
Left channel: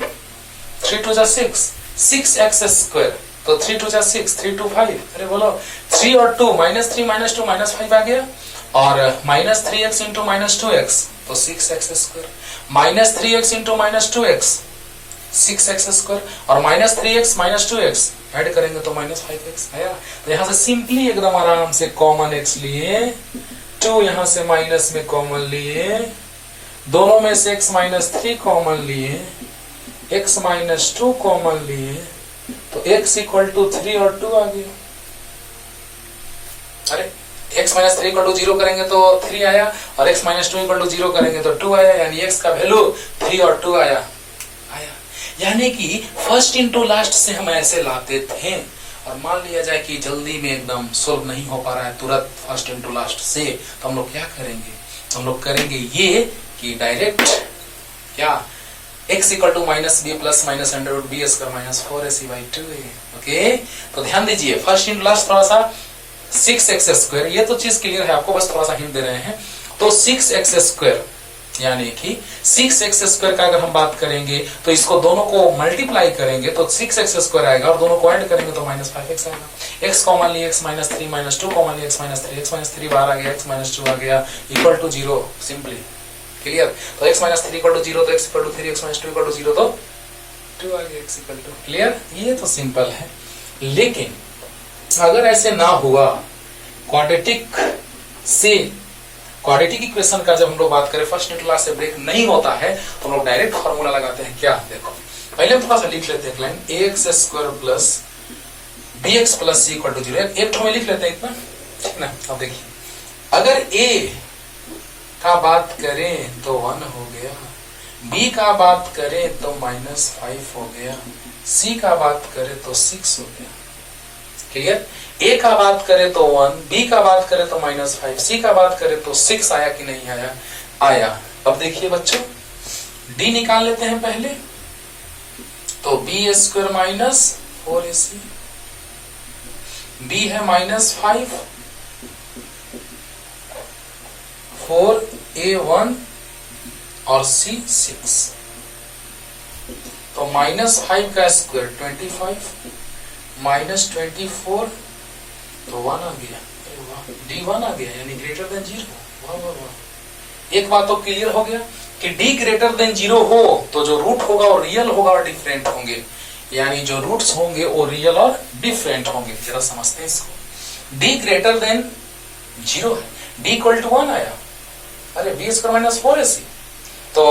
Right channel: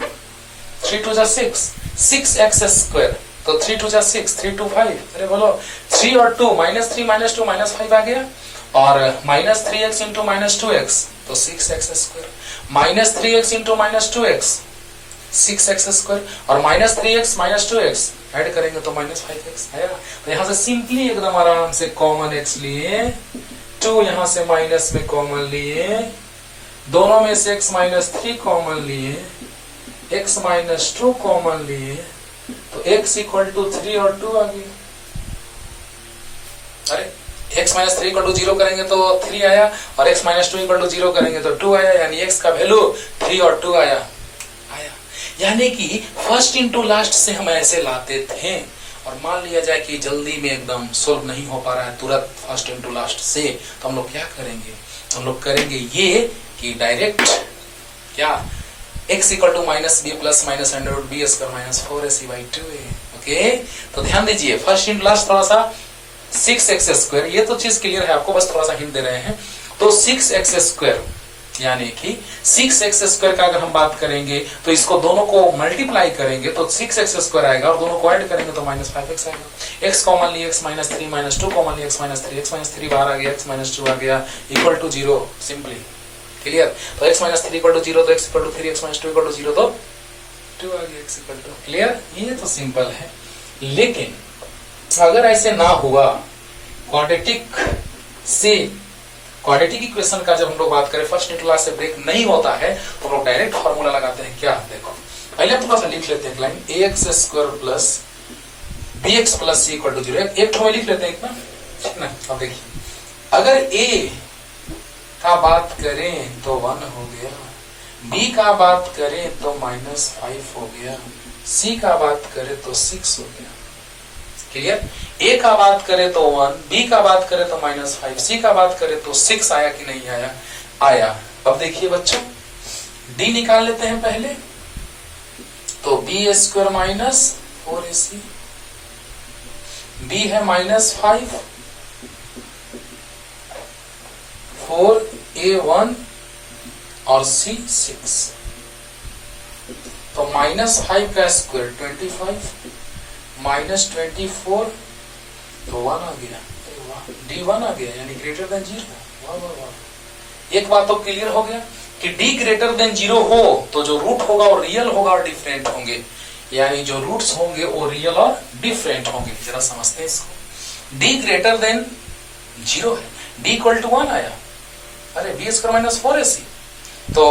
3 2 जा 6, 6x स्क्वायर, तो 3 2 जा 6, 3 2 5, अरे बोलो 3 और 2 माइनस 3 माइनस 2 माइनस 5 आ गया, और minus 3x into minus 2x तो 6x square, minus 3x into minus 2x 6x square, और minus 3x minus 2x add करेंगे तो माइनस 5x आया। तो यहां से सिंपली एकदम आराम से कॉमन x लिए, 2 यहां से माइनस में कॉमन लिए, दोनों में से x माइनस 3 कॉमन लिए, x माइनस 2 कॉमन लिए, तो x इक्वल टू 3 और 2 आ गई। अरे x माइनस 3 इक्वल टू 0 करेंगे तो 3 आया, और x माइनस 2 इक्वल टू 0 करेंगे तो 2 आया, यानी x का वैल्यू 3 और 2 आया। यानी कि फर्स्ट इंटू लास्ट से हम ऐसे लाते थे, और मान लिया जाए कि जल्दी में एकदम सोल्व नहीं हो पा रहा है तुरंत फर्स्ट इंटू लास्ट से, तो हम लोग क्या करेंगे? हम लोग करेंगे ये कि डायरेक्ट क्या x equal to minus B plus minus under root B square minus 4ac by 2a। Okay, तो ध्यान दीजिए, फर्स्ट इंटू लास्ट थोड़ा सा 6x स्क्वायर, ये तो चीज क्लियर है आपको, बस थोड़ा सा हिंट दे रहे हैं। तो 6x स्क्वायर यानी कि 6x स्क्वायर का अगर हम बात करेंगे तो इसको दोनों को मल्टीप्लाई करेंगे तो 6x स्क्वायर आएगा, और दोनों को ऐड करेंगे तो माइनस 5x आएगा। x कॉमन लिए x माइनस 3 माइनस 2 कॉमन लिए x माइनस 3, x माइनस 3 बाहर आ गया, x माइनस 2 आ गया, इक्वल टू 0, सिंपली क्लियर। तो x माइनस 3 इक्वल टू 0 तो x equal to 3, x minus 2 equal to 0 तो 2 आ गया, x इक्वल टू, क्लियर। ये तो सिंपल है, लेकिन अगर ऐसे ना हुआ, क्वाड्रेटिक इक्वेशन का जब हम लोग बात करें फर्स्ट इंटू लास्ट से ब्रेक नहीं होता है, तो हम लोग डायरेक्ट फॉर्मूला लगाते हैं। क्या देखो, पहले थोड़ा सा लिख लेते हैं line, ax square plus bx plus c equal to 0। एक में लिख लेते हैं इतना, ठीक ना। अब देखिए, अगर a का बात करें तो 1 हो गया, b का बात करें तो माइनस 5 हो गया, c का बात करें तो 6 हो गया, क्लियर। a का बात करें तो 1, b का बात करें तो माइनस 5, c का बात करें तो 6 आया कि नहीं आया? आया। अब देखिए बच्चों, d निकाल लेते हैं पहले, तो b square minus 4ac, b है माइनस 5, 4a1 और c 6, तो माइनस 5 का स्क्वायर 25 माइनस 24 तो 1 आ गया, d1 आ गया, यानी ग्रेटर देन 0। वाह वाह वाह, एक बात तो क्लियर हो गया कि d ग्रेटर देन 0 हो तो जो रूट होगा वो रियल होगा और डिफरेंट होंगे, यानी जो रूट्स होंगे वो रियल और डिफरेंट होंगे। जरा समझते हैं इसको। d ग्रेटर देन 0 है, d इक्वल टू 1 आया, अरे b स्क्वायर माइनस 4ac, तो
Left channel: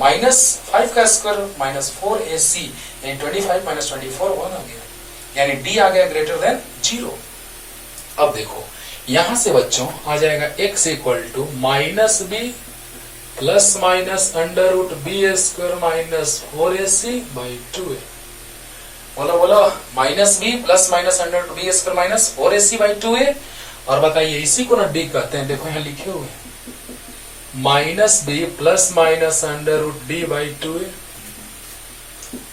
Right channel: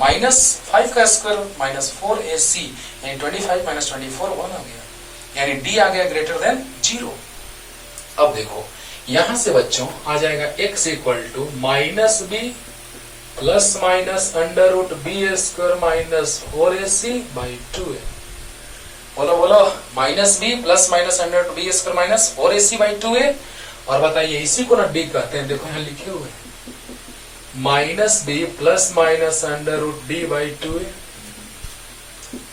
-5 का स्क्वायर माइनस 4ac यानी 25 माइनस 24 1 आ गया, यानी d आ गया ग्रेटर देन 0। अब देखो यहां से बच्चों आ जाएगा x equal to minus B plus minus under root B square minus 4ac by 2a। बोलो बोलो, minus B plus minus under root B square minus 4ac by 2a। और बताइए इसी को ना d कहते हैं, देखो यहां लिखे हुए minus B plus minus under root d by 2a।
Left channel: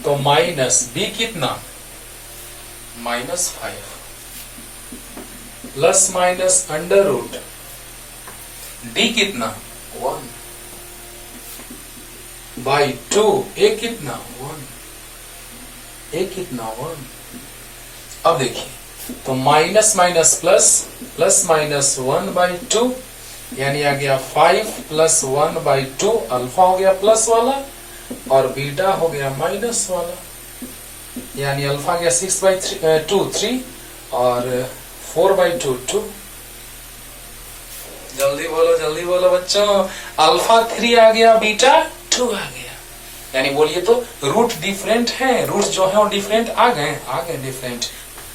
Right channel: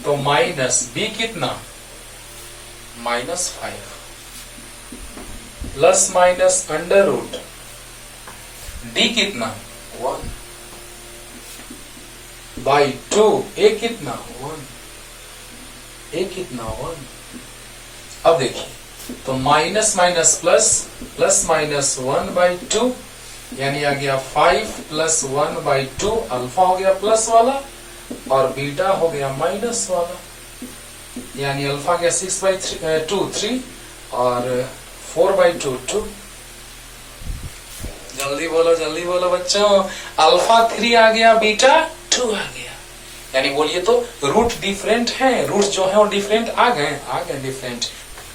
तो माइनस बी कितना -5 plus minus under root d कितना 1 बाई 2, ए कितना 1, ए कितना 1। अब देखिए तो minus minus plus, plus minus 1 by 2 यानी आ गया 5 प्लस 1 बाई 2, अल्फा हो गया प्लस वाला और बीटा हो गया माइनस वाला, यानी अल्फा गया 6 बाई 2 3 और 4 बाई 2 2। जल्दी बोलो बच्चों, अल्फा 3 आ गया, बीटा 2 आ गया, यानी बोलिए तो रूट डिफरेंट है, रूट जो है वो डिफरेंट आ गए डिफरेंट,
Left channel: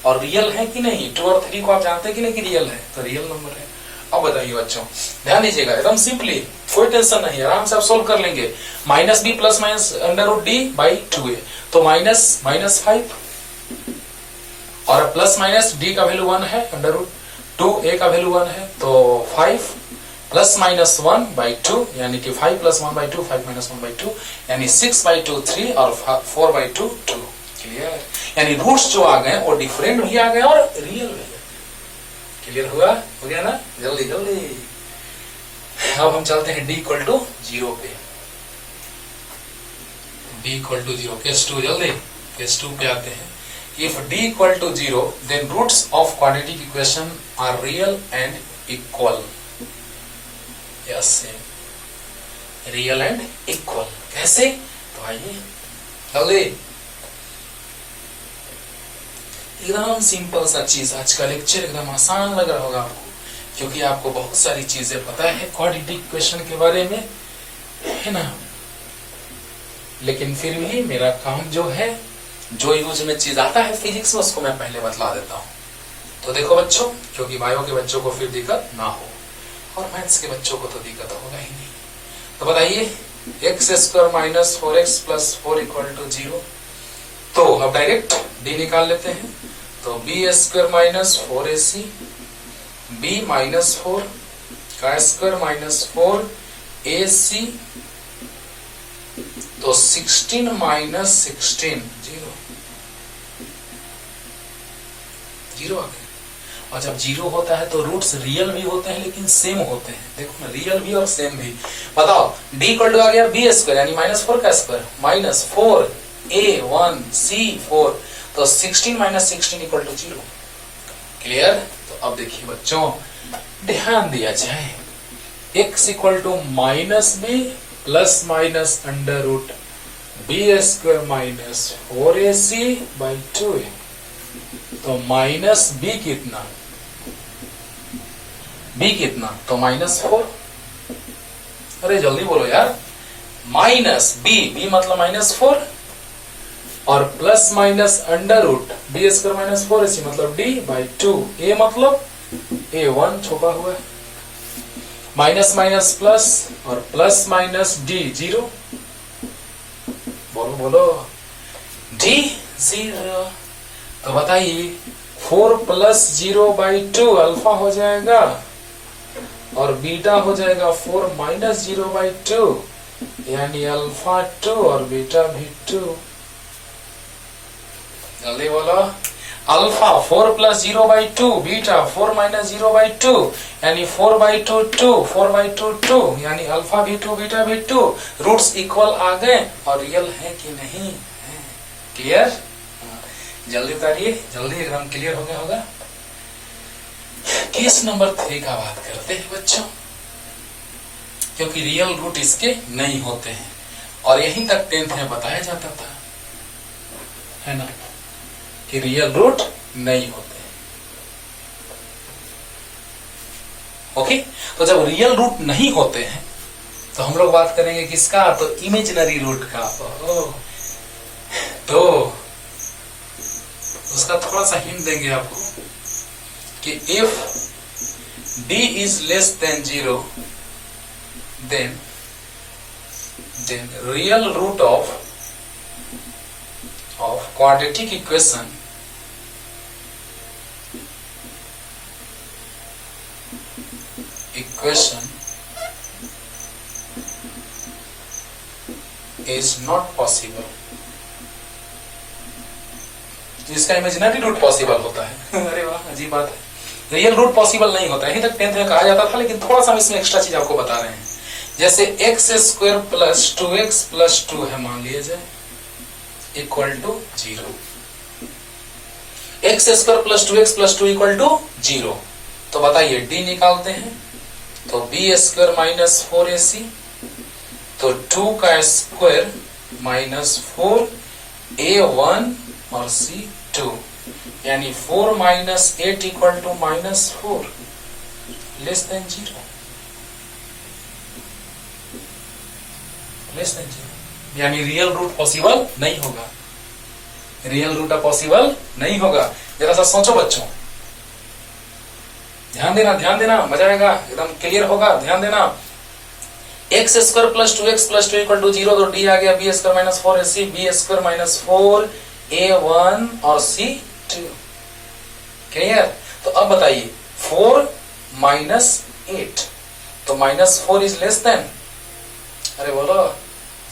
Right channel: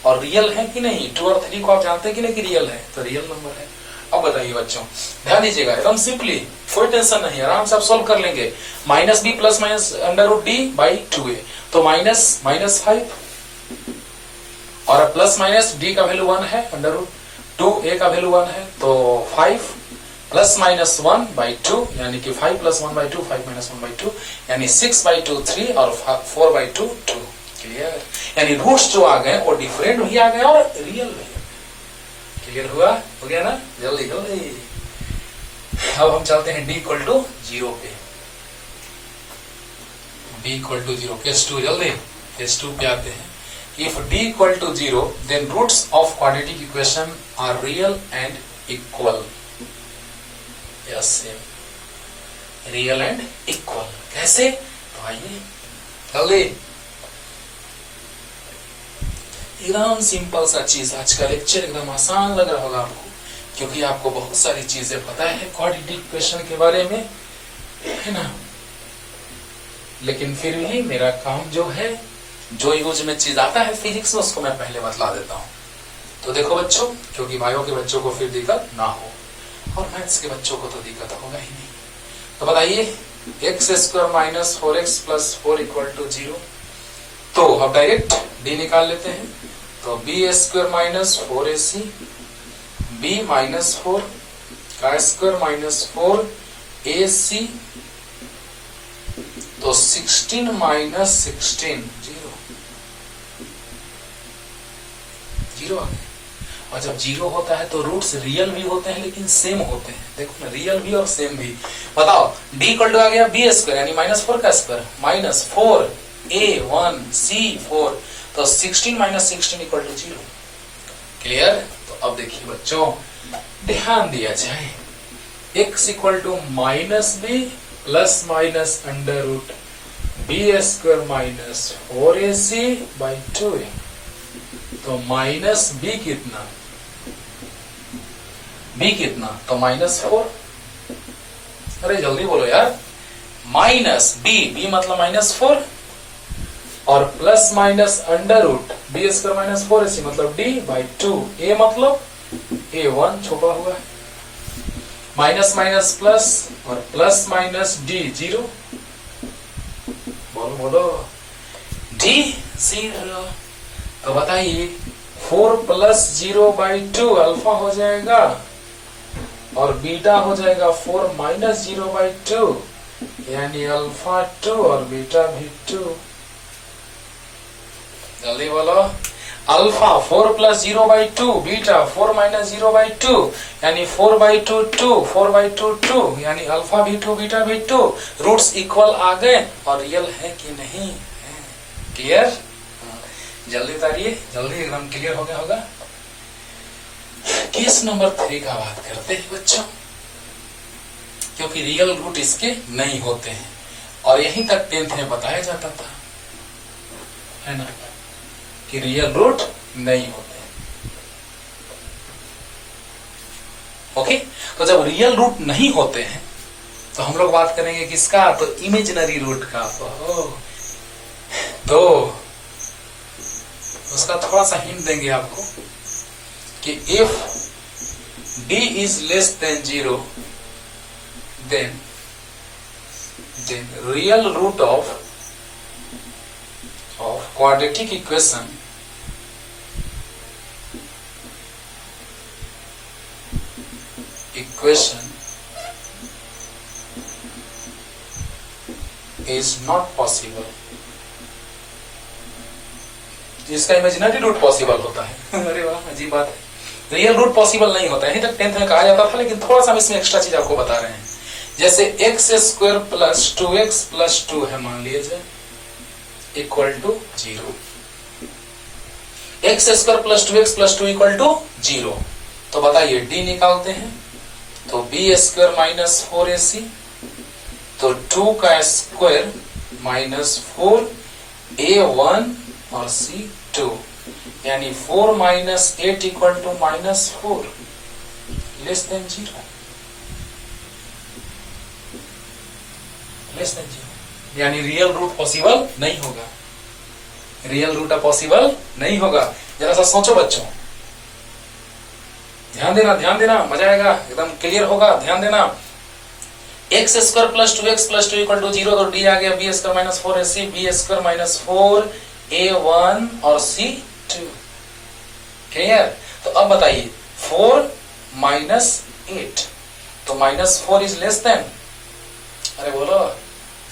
और रियल है कि नहीं, 2 और 3 को आप जानते हैं कि नहीं कि रियल है, तो रियल नंबर है। अब बताइए बच्चों, ध्यान दीजिएगा, एकदम सिंपली, कोई टेंशन नहीं, आराम से आप सोल्व कर लेंगे। Minus B plus minus under root d by 2a, तो माइनस माइनस 5 और प्लस माइनस डी का वैल्यू 1 है, अंडर रूट 2a का वैल्यू 1 है, तो 5 प्लस माइनस 1 बाई 2 यानी कि 5 प्लस 1 बाई 2, 5 माइनस 1 बाई 2 यानी 6 बाई 2 3 और 4 बाई 2 2। क्लियर, यानी रूट्स जो आ गए वो डिफरेंट भी आ गए और रियल भी। क्लियर हुआ, हो गया ना, जल्दी जल्दी। अब हम चलते हैं d इक्वल टू 0 पे, d इक्वल टू 0, केस 2, जल्दी केस 2 पे आते हैं। If d equal to 0, then roots of quadratic equation are real and equal. Yes, same. Real and equal. कैसे? तो आइए जल्दी, एकदम सिंपल सा चीज। आज का लेक्चर एकदम आसान लग रहा होगा आपको, क्योंकि आपको बहुत सारी चीजें पता है क्वाड्रेटिक इक्वेशन के बारे में, है ना। लेकिन फिर भी मेरा काम जो है, जो यूज में चीज आता है फिजिक्स में, उसको मैं पहले बतला देता हूँ। तो देखो बच्चों, क्योंकि बायो के बच्चों को फिर दिक्कत ना हो और मैथ्स के बच्चों को तो दिक्कत होगा ही नहीं। तो बताइए x square minus 4x plus 4 equal to 0। तो अब डायरेक्ट d निकाल लेते हैं, तो b square minus 4ac, b minus 4 का स्क्वायर माइनस 4ac, तो 16 माइनस 16 जीरो आ गया। और जब जीरो होता है तो रूट्स रियल भी होते हैं लेकिन सेम होते हैं। देखो ना, रियल भी और सेम भी। बताओ d इक्वल टू आ गया b स्क्वायर यानी -4 का स्क्वायर माइनस 4a1 c4, तो 16 माइनस 16 इक्वल टू 0। क्लियर। तो अब देखिए बच्चों, ध्यान दिया जाए, x equal to minus B plus minus under root B square minus 4ac by 2a, तो माइनस बी कितना, बी कितना, तो -4। अरे जल्दी बोलो यार, माइनस बी मतलब -4 और plus minus under root B square minus 4ac मतलब d बाई 2, a मतलब a1 छुपा हुआ है, माइनस माइनस प्लस और प्लस माइनस d 0। बोलो बोलो, d 0। तो बताइए 4 प्लस 0 बाई 2 अल्फा हो जाएगा और बीटा हो जाएगा 4 माइनस 0 बाई 2 यानी अल्फा 2 और बीटा भी 2। जल्दी बोलो, alpha 4 plus 0 by 2, beta 4 minus 0 by 2 यानी 4 बाई 2 2, 4 बाई 2 2 यानी अल्फा भी 2 बीटा भी 2। रूट्स इक्वल आ गए और रियल है कि नहीं है। क्लियर, जल्दी उतारिए, जल्दी एकदम क्लियर हो गया होगा। केस नंबर 3 का बात करते हैं बच्चों, क्योंकि रियल रूट इसके नहीं होते हैं और यहीं तक 10th में बताया जाता था, है ना, कि रियल रूट नहीं होते। ओके, तो जब रियल रूट नहीं होते हैं तो हम लोग बात करेंगे किसका, तो इमेजिनरी रूट का। तो उसका थोड़ा सा हिंट देंगे आपको कि if d is less than 0 then real root of quadratic equation is not possible। इसका इमेजिनरी रूट पॉसिबल होता है। अरे वाह, अजीब बात है, रियल रूट पॉसिबल नहीं होता है। यही तक 10th में कहा जाता था, लेकिन थोड़ा सा हम इसमें एक्स्ट्रा चीज आपको बता रहे हैं। जैसे x square plus 2x plus 2 है, मान लीजिए equal to 0। X square plus 2x plus 2 equal to 0। तो बताइए डी निकालते हैं, तो बी स्क्वायर माइनस 4ac, तो 2 का स्क्वायर माइनस 4, a1 और c2, यानी 4 minus 8 equal to minus 4 less than 0। Less than 0 यानी रियल रूट पॉसिबल नहीं होगा। रियल रूट पॉसिबल नहीं होगा। जरा सा सोचो बच्चों, ध्यान देना, मजा आएगा, एकदम क्लियर होगा, ध्यान देना। X square plus 2x plus 2 equal to 0, तो डी आ गया b square minus 4ac, b square minus 4a1 और c2। क्लियर? तो अब बताइए 4 माइनस 8, तो माइनस 4 इज लेस देन, अरे बोलो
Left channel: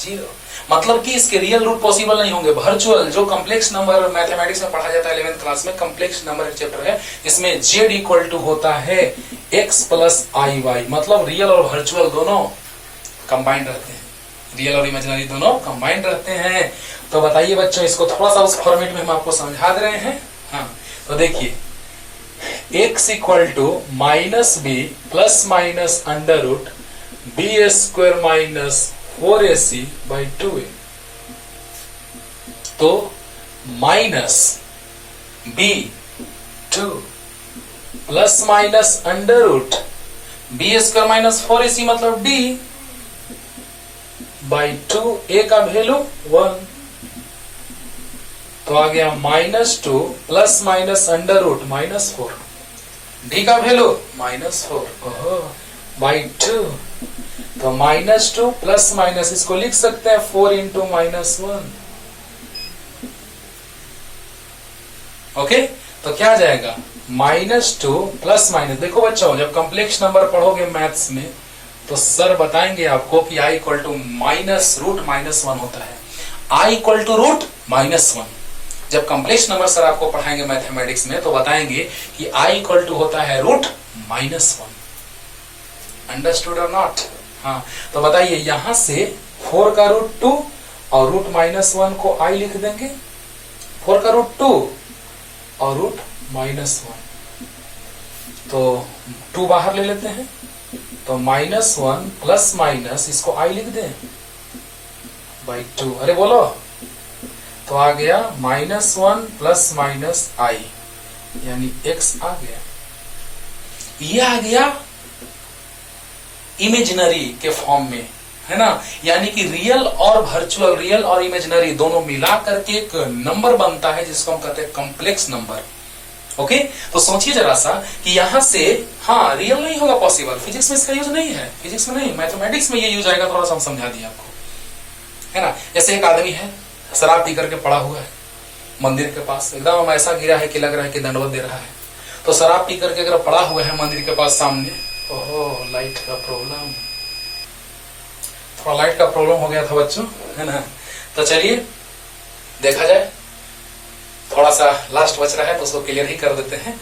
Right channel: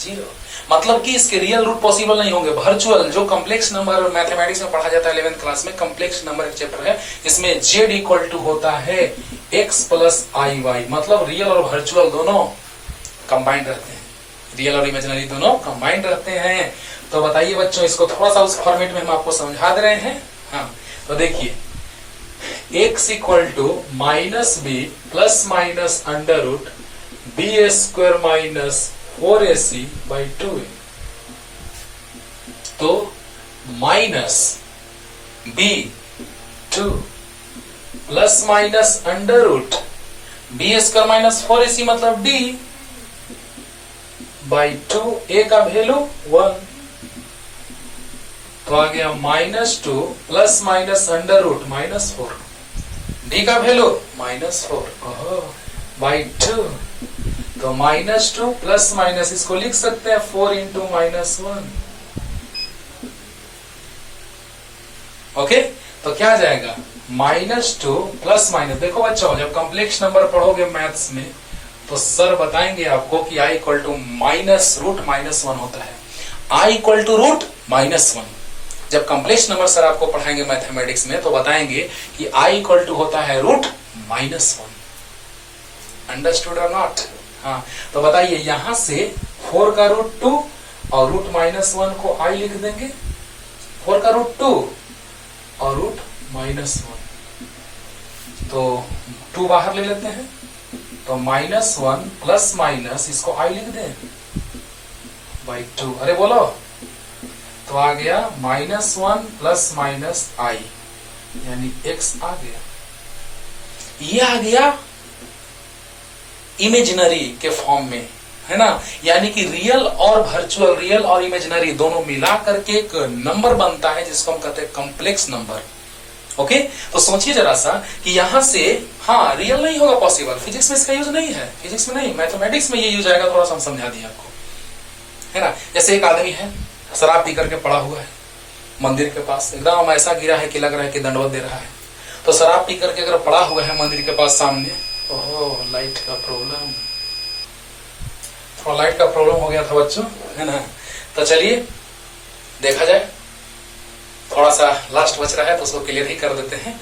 0। मतलब कि इसके रियल रूट पॉसिबल नहीं होंगे। वर्चुअल जो कॉम्प्लेक्स नंबर मैथमेटिक्स में पढ़ा जाता है 11th क्लास में, कॉम्प्लेक्स नंबर एक चैप्टर है, इसमें z इक्वल टू होता है x प्लस आई वाई। मतलब रियल और वर्चुअल दोनों कंबाइंड रहते हैं, रियल और इमेजिनरी दोनों कंबाइंड रहते हैं। तो बताइए बच्चों, इसको थोड़ा सा उस फॉर्मेट में हम आपको समझा दे रहे हैं। हाँ, तो देखिए x equal to minus B plus minus under root B square minus 4ac by 2a। तो minus b 2 plus minus under root B square minus 4ac मतलब d बाई 2, a का वैल्यू 1, तो आ गया minus 2 plus minus under root minus 4, d का वैल्यू माइनस 4 बाई 2, तो माइनस 2 प्लस माइनस इसको लिख सकते हैं 4 इंटू माइनस 1। ओके, तो क्या आ जाएगा माइनस 2 प्लस माइनस। देखो बच्चों, जब कॉम्प्लेक्स नंबर पढ़ोगे मैथ्स में तो सर बताएंगे आपको कि i equal to minus root minus 1 होता है। i equal to root minus 1 जब कॉम्प्लेक्स नंबर सर आपको पढ़ाएंगे मैथमेटिक्स में तो बताएंगे कि i इक्वल टू होता है रूट माइनस 1। अंडरस्टूड और नॉट? हाँ, तो बताइए यहां से 4 का रूट 2 और रूट माइनस 1 को i लिख देंगे। 4 का रूट 2 और रूट माइनस 1, तो 2 बाहर ले लेते हैं, तो माइनस 1 प्लस माइनस इसको i लिख दें बाई 2। अरे बोलो, तो आ गया माइनस 1 प्लस माइनस i यानी x आ गया। ये आ गया इमेजिनरी के फॉर्म में, है ना। यानी कि रियल और वर्चुअल, रियल और इमेजिनरी दोनों मिला करके एक नंबर बनता है जिसको हम कहते हैं कॉम्प्लेक्स नंबर। ओके, तो सोचिए जरा सा कि यहां से, हाँ रियल नहीं होगा पॉसिबल, फिजिक्स में इसका यूज नहीं है, फिजिक्स में नहीं, मैथमेटिक्स में ये यूज आएगा। थोड़ा सा हम समझा दिया आपको, है ना। जैसे एक आदमी है, शराब पी करके पड़ा हुआ है मंदिर के पास, एकदम ऐसा गिरा है कि लग रहा है कि दंडवत दे रहा है। तो शराब पी करके अगर पड़ा हुआ है मंदिर के पास सामने, ओहो लाइट का प्रॉब्लम, थोड़ा लाइट का प्रॉब्लम हो गया था बच्चों, है ना। तो चलिए देखा जाए, थोड़ा सा लास्ट बच रहा है तो उसको क्लियर ही कर देते हैं।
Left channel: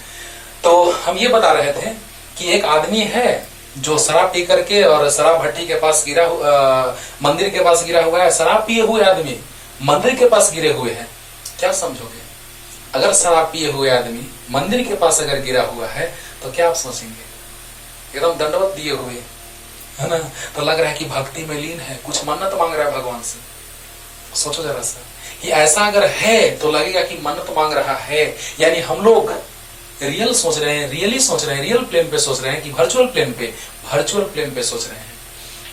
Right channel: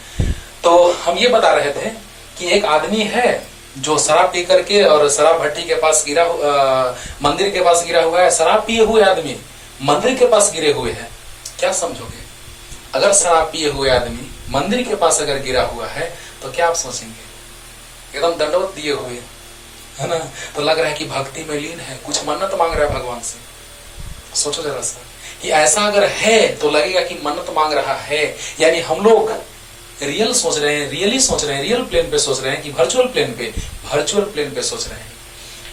तो हम ये बता रहे थे कि एक आदमी है जो शराब पी करके और शराब भट्टी के पास गिरा, मंदिर के पास गिरा हुआ है। शराब पिए हुए आदमी मंदिर के पास गिरे हुए हैं, क्या समझोगे? अगर शराब पिए हुए आदमी मंदिर के पास अगर गिरा हुआ है तो क्या आप सोचेंगे? एकदम दंडवत दिए हुए, है ना। तो लग रहा है कि भक्ति में लीन है, कुछ मन्नत मांग रहा है भगवान से। सोचो जरा सा कि ऐसा अगर है तो लगेगा कि मन्नत मांग रहा है। यानी हम लोग रियल सोच रहे हैं, रियली सोच रहे हैं, रियल प्लेन पे सोच रहे हैं कि वर्चुअल प्लेन पे? वर्चुअल प्लेन पे सोच रहे हैं।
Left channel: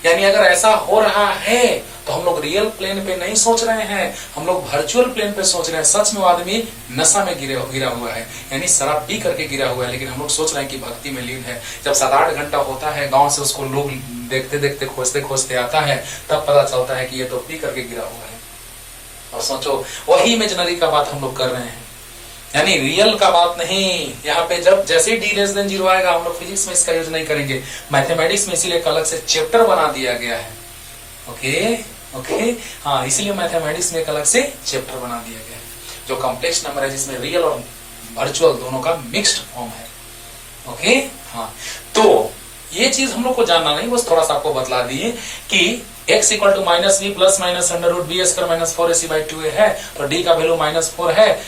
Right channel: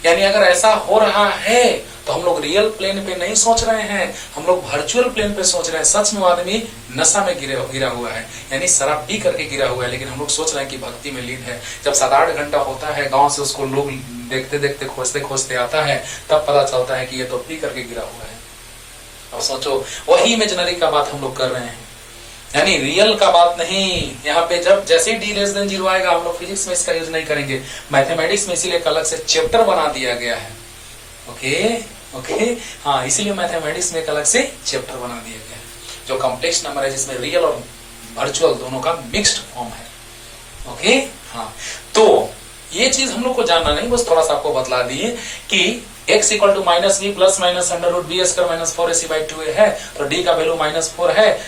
यानी अगर ऐसा हो रहा है तो हम लोग रियल प्लेन पे नहीं सोच रहे हैं, हम लोग वर्चुअल प्लेन पे सोच रहे हैं। सच में वो आदमी नशा में गिरा हुआ है, यानी शराब पी करके गिरा हुआ है, लेकिन हम लोग सोच रहे हैं कि भक्ति में लीन है। जब 7-8 घंटा होता है, गांव से उसको लोग देखते देखते खोजते खोजते आता है, तब पता चलता है कि ये तो पी करके गिरा हुआ है। और सोचो, वही इमेजिनरी का बात हम लोग कर रहे हैं, यानी रियल का बात नहीं। यहाँ पे जब जैसे ही d<0 आएगा, हम लोग फिजिक्स में इसका यूज नहीं करेंगे, मैथमेटिक्स में इसीलिए एक अलग से चैप्टर बना दिया गया है। ओके, हाँ, इसीलिए मैथमेटिक्स में एक अलग से चैप्टर बना दिया गया है, जो कॉम्प्लेक्स नंबर है, जिसमें रियल और वर्चुअल दोनों का मिक्स्ड फॉर्म है। ओके, हाँ, तो ये चीज हम लोग को जानना नहीं, बस थोड़ा सा आपको बतला दिए कि x equal to -b plus minus under root B square minus 4ac/2a है, तो d का वैल्यू -4 है,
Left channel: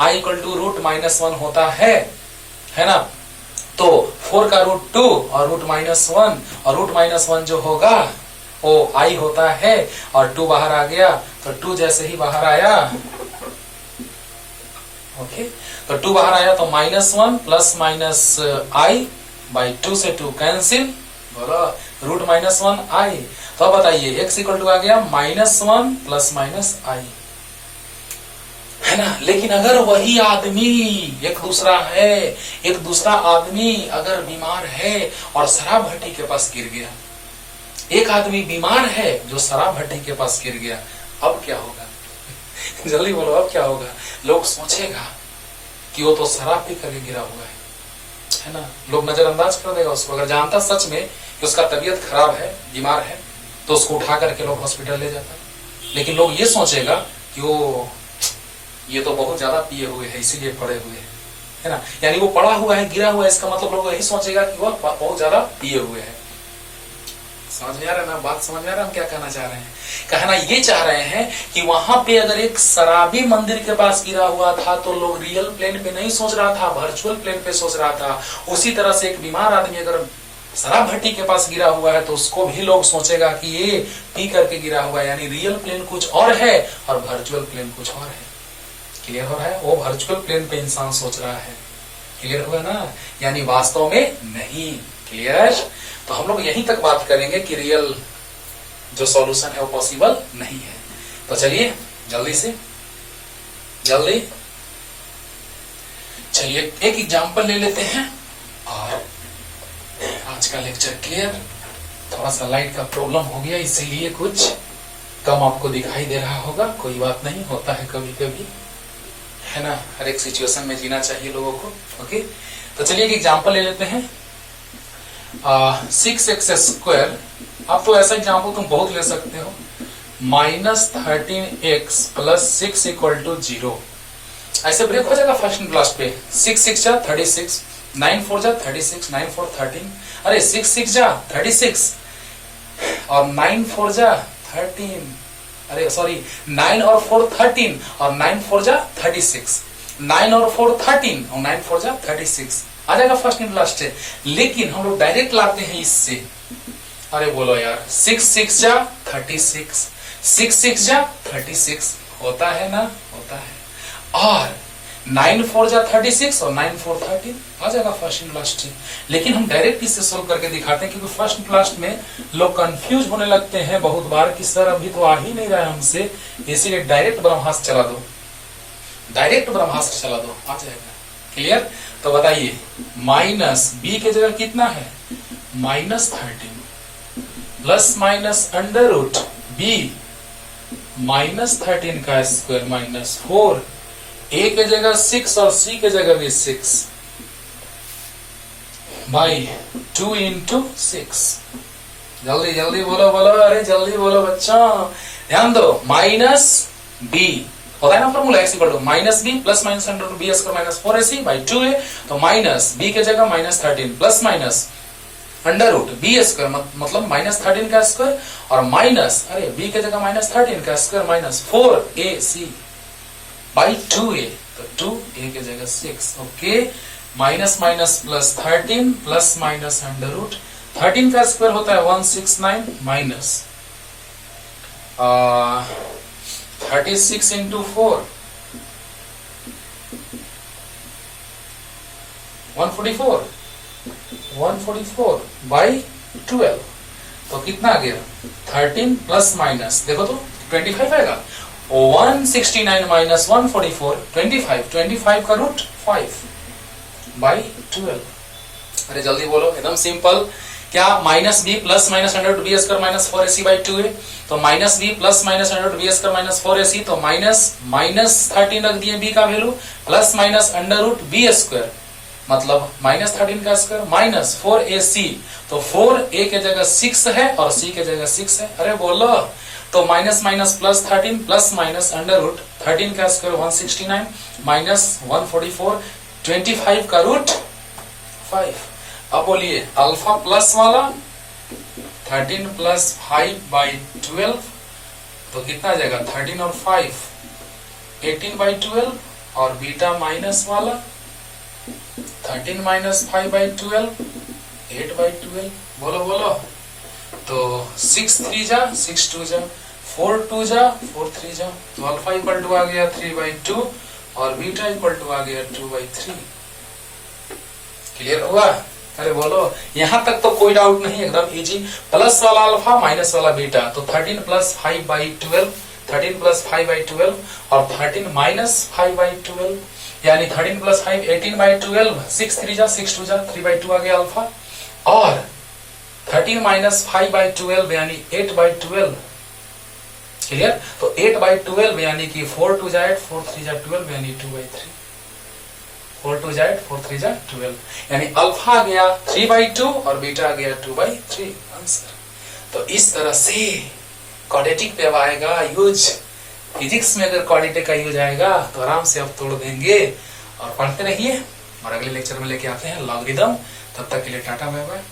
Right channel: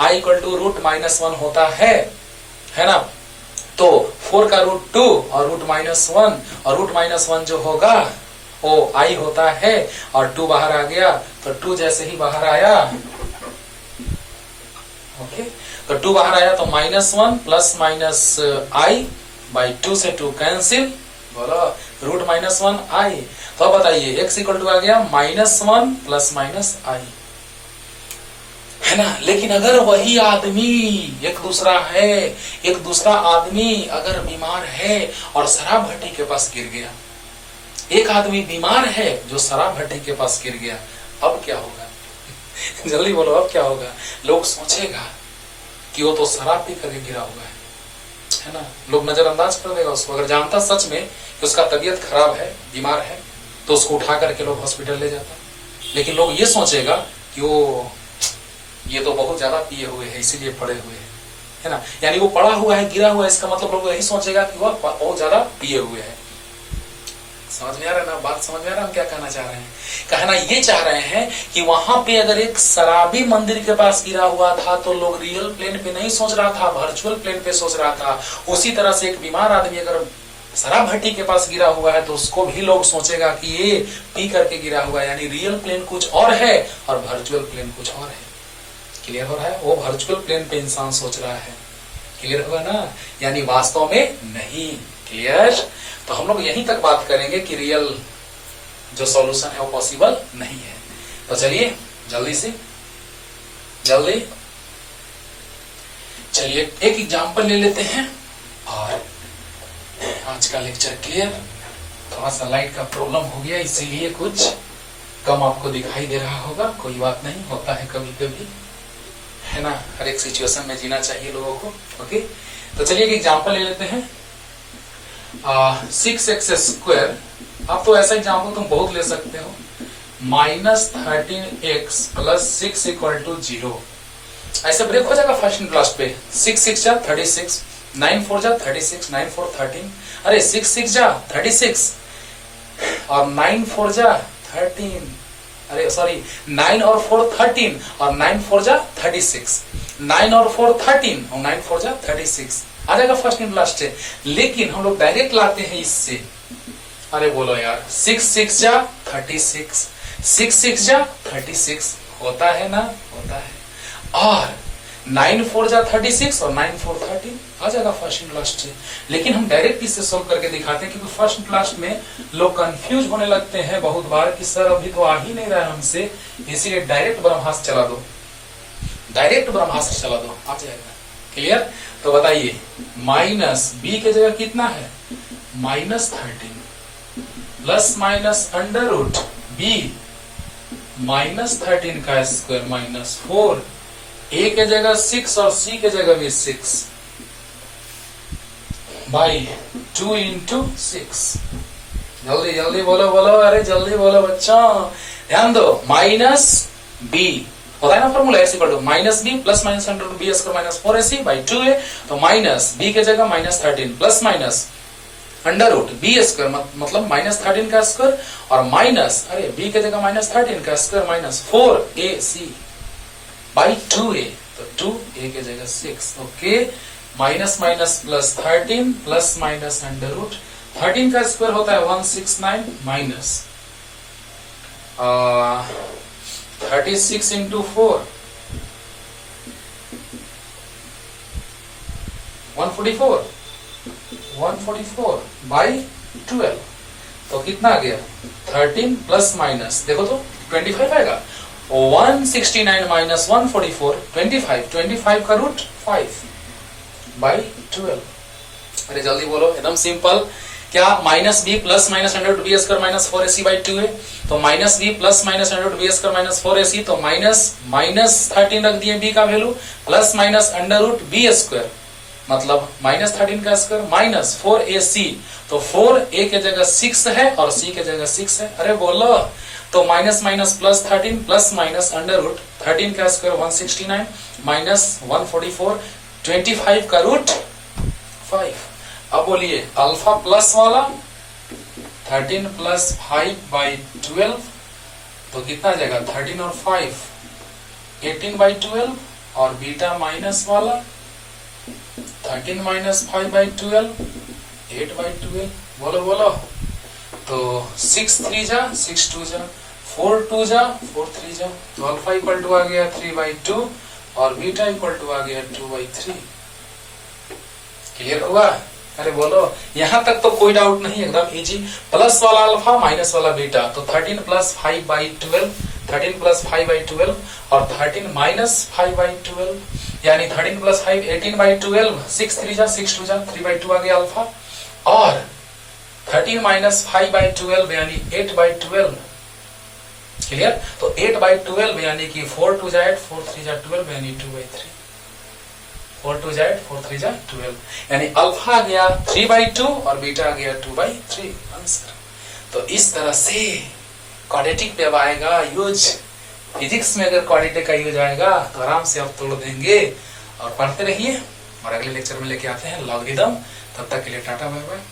i इक्वल टू रूट -1 होता है ना। तो 4 का रूट 2 और रूट -1, और रूट -1 जो होगा वो i होता है, और 2 बाहर आ गया, तो 2 जैसे ही बाहर आया, ओके, तो 2 बाहर आया तो -1 प्लस माइनस i/2 से 2 कैंसिल, बोलो, रूट -1 i। तो अब बताइए x इक्वल टू आ गया -1 प्लस माइनस i, है ना। लेकिन अगर वही आदमी एक दूसरा आदमी अगर बीमार है और शराब भट्टी के पास गिर गया, एक आदमी बीमार है जो शराब भट्टी के पास गिर गया, अब क्या होगा? जल्दी बोलो, अब क्या होगा? लोग सोचेगा कि वो तो शराब पी करके गिरा हुआ है ना। लोग नजरअंदाज कर देगा उसको। अगर जानता सच में कि उसका तबीयत खराब है, बीमार है, तो उसको उठा करके लोग हॉस्पिटल ले जाते हैं। लेकिन लोग ये सोचेगा कि ये तो बहुत ज्यादा पिए हुए है, इसीलिए पड़े हुए हैं, है ना। यानी वो पड़ा हुआ है, गिरा हुआ है, इसका मतलब लोग यही सोचेगा कि वो बहुत ज्यादा पिए हुए है। समझ में आ रहा है ना बात? समझ में आ रहा है हम क्या कहना चाह रहे हैं? कहना ये चाह रहे हैं कि वहां पे अगर एक शराबी मंदिर के पास गिरा हुआ था तो लोग रियल प्लेन पे नहीं सोच रहा था, वर्चुअल प्लेन पे सोच रहा था। उसी तरह से एक बीमार आदमी अगर शराब भट्टी के पास गिरा हुआ है तो उसको भी लोग सोचेगा कि ये पी करके गिरा हुआ है, यानी रियल प्लेन कुछ और है और वर्चुअल प्लेन कुछ और है। क्लियर हो रहा है? वो वर्चुअल प्लेन पे इंसान सोच रहा है। क्लियर हुआ ना? यानी वास्तव में नहीं। क्लियर? तो हम लोग यहीं तक बात करेंगे कि रियल जो सॉल्यूशन है वो पॉसिबल नहीं है। तो चलिए जल्दी चलिए एक एग्जांपल ले लेते हैं और आज का लेक्चर क्लियर। थोड़ा सा लाइट का प्रॉब्लम हो गया, इसीलिए कुछ कम आपको दिखाई दे रहा होगा। कोई बात नहीं, होता है कभी कभी, है ना। हर एक सिचुएशन में जीना चाहिए लोगों को। ओके, तो चलिए एक एग्जांपल ले लेते हैं। 6x², आप तो ऐसा एग्जांपल तुम बहुत ले सकते हो। -13x + 6 = 0। ऐसे ब्रेक हो जाएगा फर्स्ट एंड लास्ट पे। 6 6 जा 36, 9 4 जा 36, 9 4 13। अरे 6 6 जा 36 और 9 4 जा 13। अरे सॉरी, 9 और 4 13 और 9 4 जा 36। 9 और 4 13 और 9 4 जा 36 आ जाएगा फर्स्ट एंड लास्ट से। लेकिन हम लोग डायरेक्ट लाते हैं इससे। अरे बोलो यार, 6 6 जा 36, 6 6 जा 36 होता है ना? होता है। और 9 4 जा 36 और 9 4 13 आ जाएगा फर्स्ट एंड लास्ट से। लेकिन हम डायरेक्ट इससे सोल्व करके दिखाते हैं, क्योंकि फर्स्ट एंड लास्ट में लोग कंफ्यूज होने लगते हैं बहुत बार कि सर अभी तो आ ही नहीं रहा है हमसे, इसीलिए डायरेक्ट ब्रह्मास्त्र चला दो, डायरेक्ट ब्रह्मास्त्र चला दो, आ जाएगा। क्लियर? तो बताइए, -b के जगह कितना है? -13 प्लस माइनस √b -13 का स्क्वायर -4, a के जगह 6 और c के जगह भी 6 बाई 2 × 6। जल्दी जल्दी बोलो अरे जल्दी बोलो बच्चों, ध्यान दो। -b होता है ना formula, x = -b plus minus √b² -4ac/2a। तो -b के जगह -13 प्लस माइनस √b² मतलब -13 का स्क्वायर और माइनस, अरे b के जगह -13 का स्क्वायर -4ac/2a। तो 2a के जगह 6। Okay, minus minus plus 13 plus minus √13 का स्क्वायर होता है 169 माइनस 36 × 4 144 बाई 12, तो कितना आ गया 13 प्लस माइनस देखो तो 25 आएगा। 169 माइनस 144 25 का रूट 5 बाई 12। अरे जल्दी बोलो, एकदम सिंपल। क्या minus B plus minus under root B square minus 4ac by 2 है, तो minus B plus minus under root B square minus 4ac, तो माइनस 13 रख दिए बी का वैल्यू, plus minus under root B square मतलब माइनस 13 का स्क्वायर माइनस 4ac, तो 4a के जगह 6 है और c के जगह 6 है। अरे बोलो, तो minus minus plus 13 plus minus under root 13 का स्क्वायर 169 माइनस 144 25 का रूट 5। अब बोलिए अल्फा प्लस वाला 13 प्लस 5 बाई 12, तो कितना आ जाएगा 13 और 5 18 बाई 12, और बीटा माइनस वाला 13 माइनस 5 बाई 12 8 बाई 12। बोलो बोलो, तो 6 3 जा 6 2 जा 4 2 जा 4 3 जा, तो अल्फा इक्वल टू आ गया 3 बाई 2 और बीटा इक्वल टू आ गया 2 बाई 3। क्लियर हुआ? अरे बोलो, यहां तक तो कोई डाउट नहीं, एकदम इजी। प्लस वाला अल्फा माइनस वाला बीटा, तो 13 प्लस 5 बाई 12 13 प्लस 5 बाई 12 और 13 माइनस 5 बाई 12, यानी 13 प्लस 5 18 बाई 12, 6 3 जा 6 2 जा 3 बाई 2 आ गया अल्फा, और 13 माइनस 5 बाई 12 यानी 8 बाई 12। क्लियर? तो 8 बाई 12 यानी कि 4 2 जा 8 4 3 जा 12 यानी 2 बाई 3, 4 2 जा 8 4 3 जा 12, यानी अल्फा आ गया 3 बाई 2 और बीटा आ गया 2 बाई 3 आंसर। तो इस तरह से क्वाड्रेटिक पे अब आएगा यूज, फिजिक्स में अगर क्वाड्रेटिक का यूज आएगा तो आराम से आप तोड़ देंगे। और पढ़ते रहिए, और अगले लेक्चर में लेके आते हैं लॉगरिथम। तब तक के लिए टाटा बाय बाय।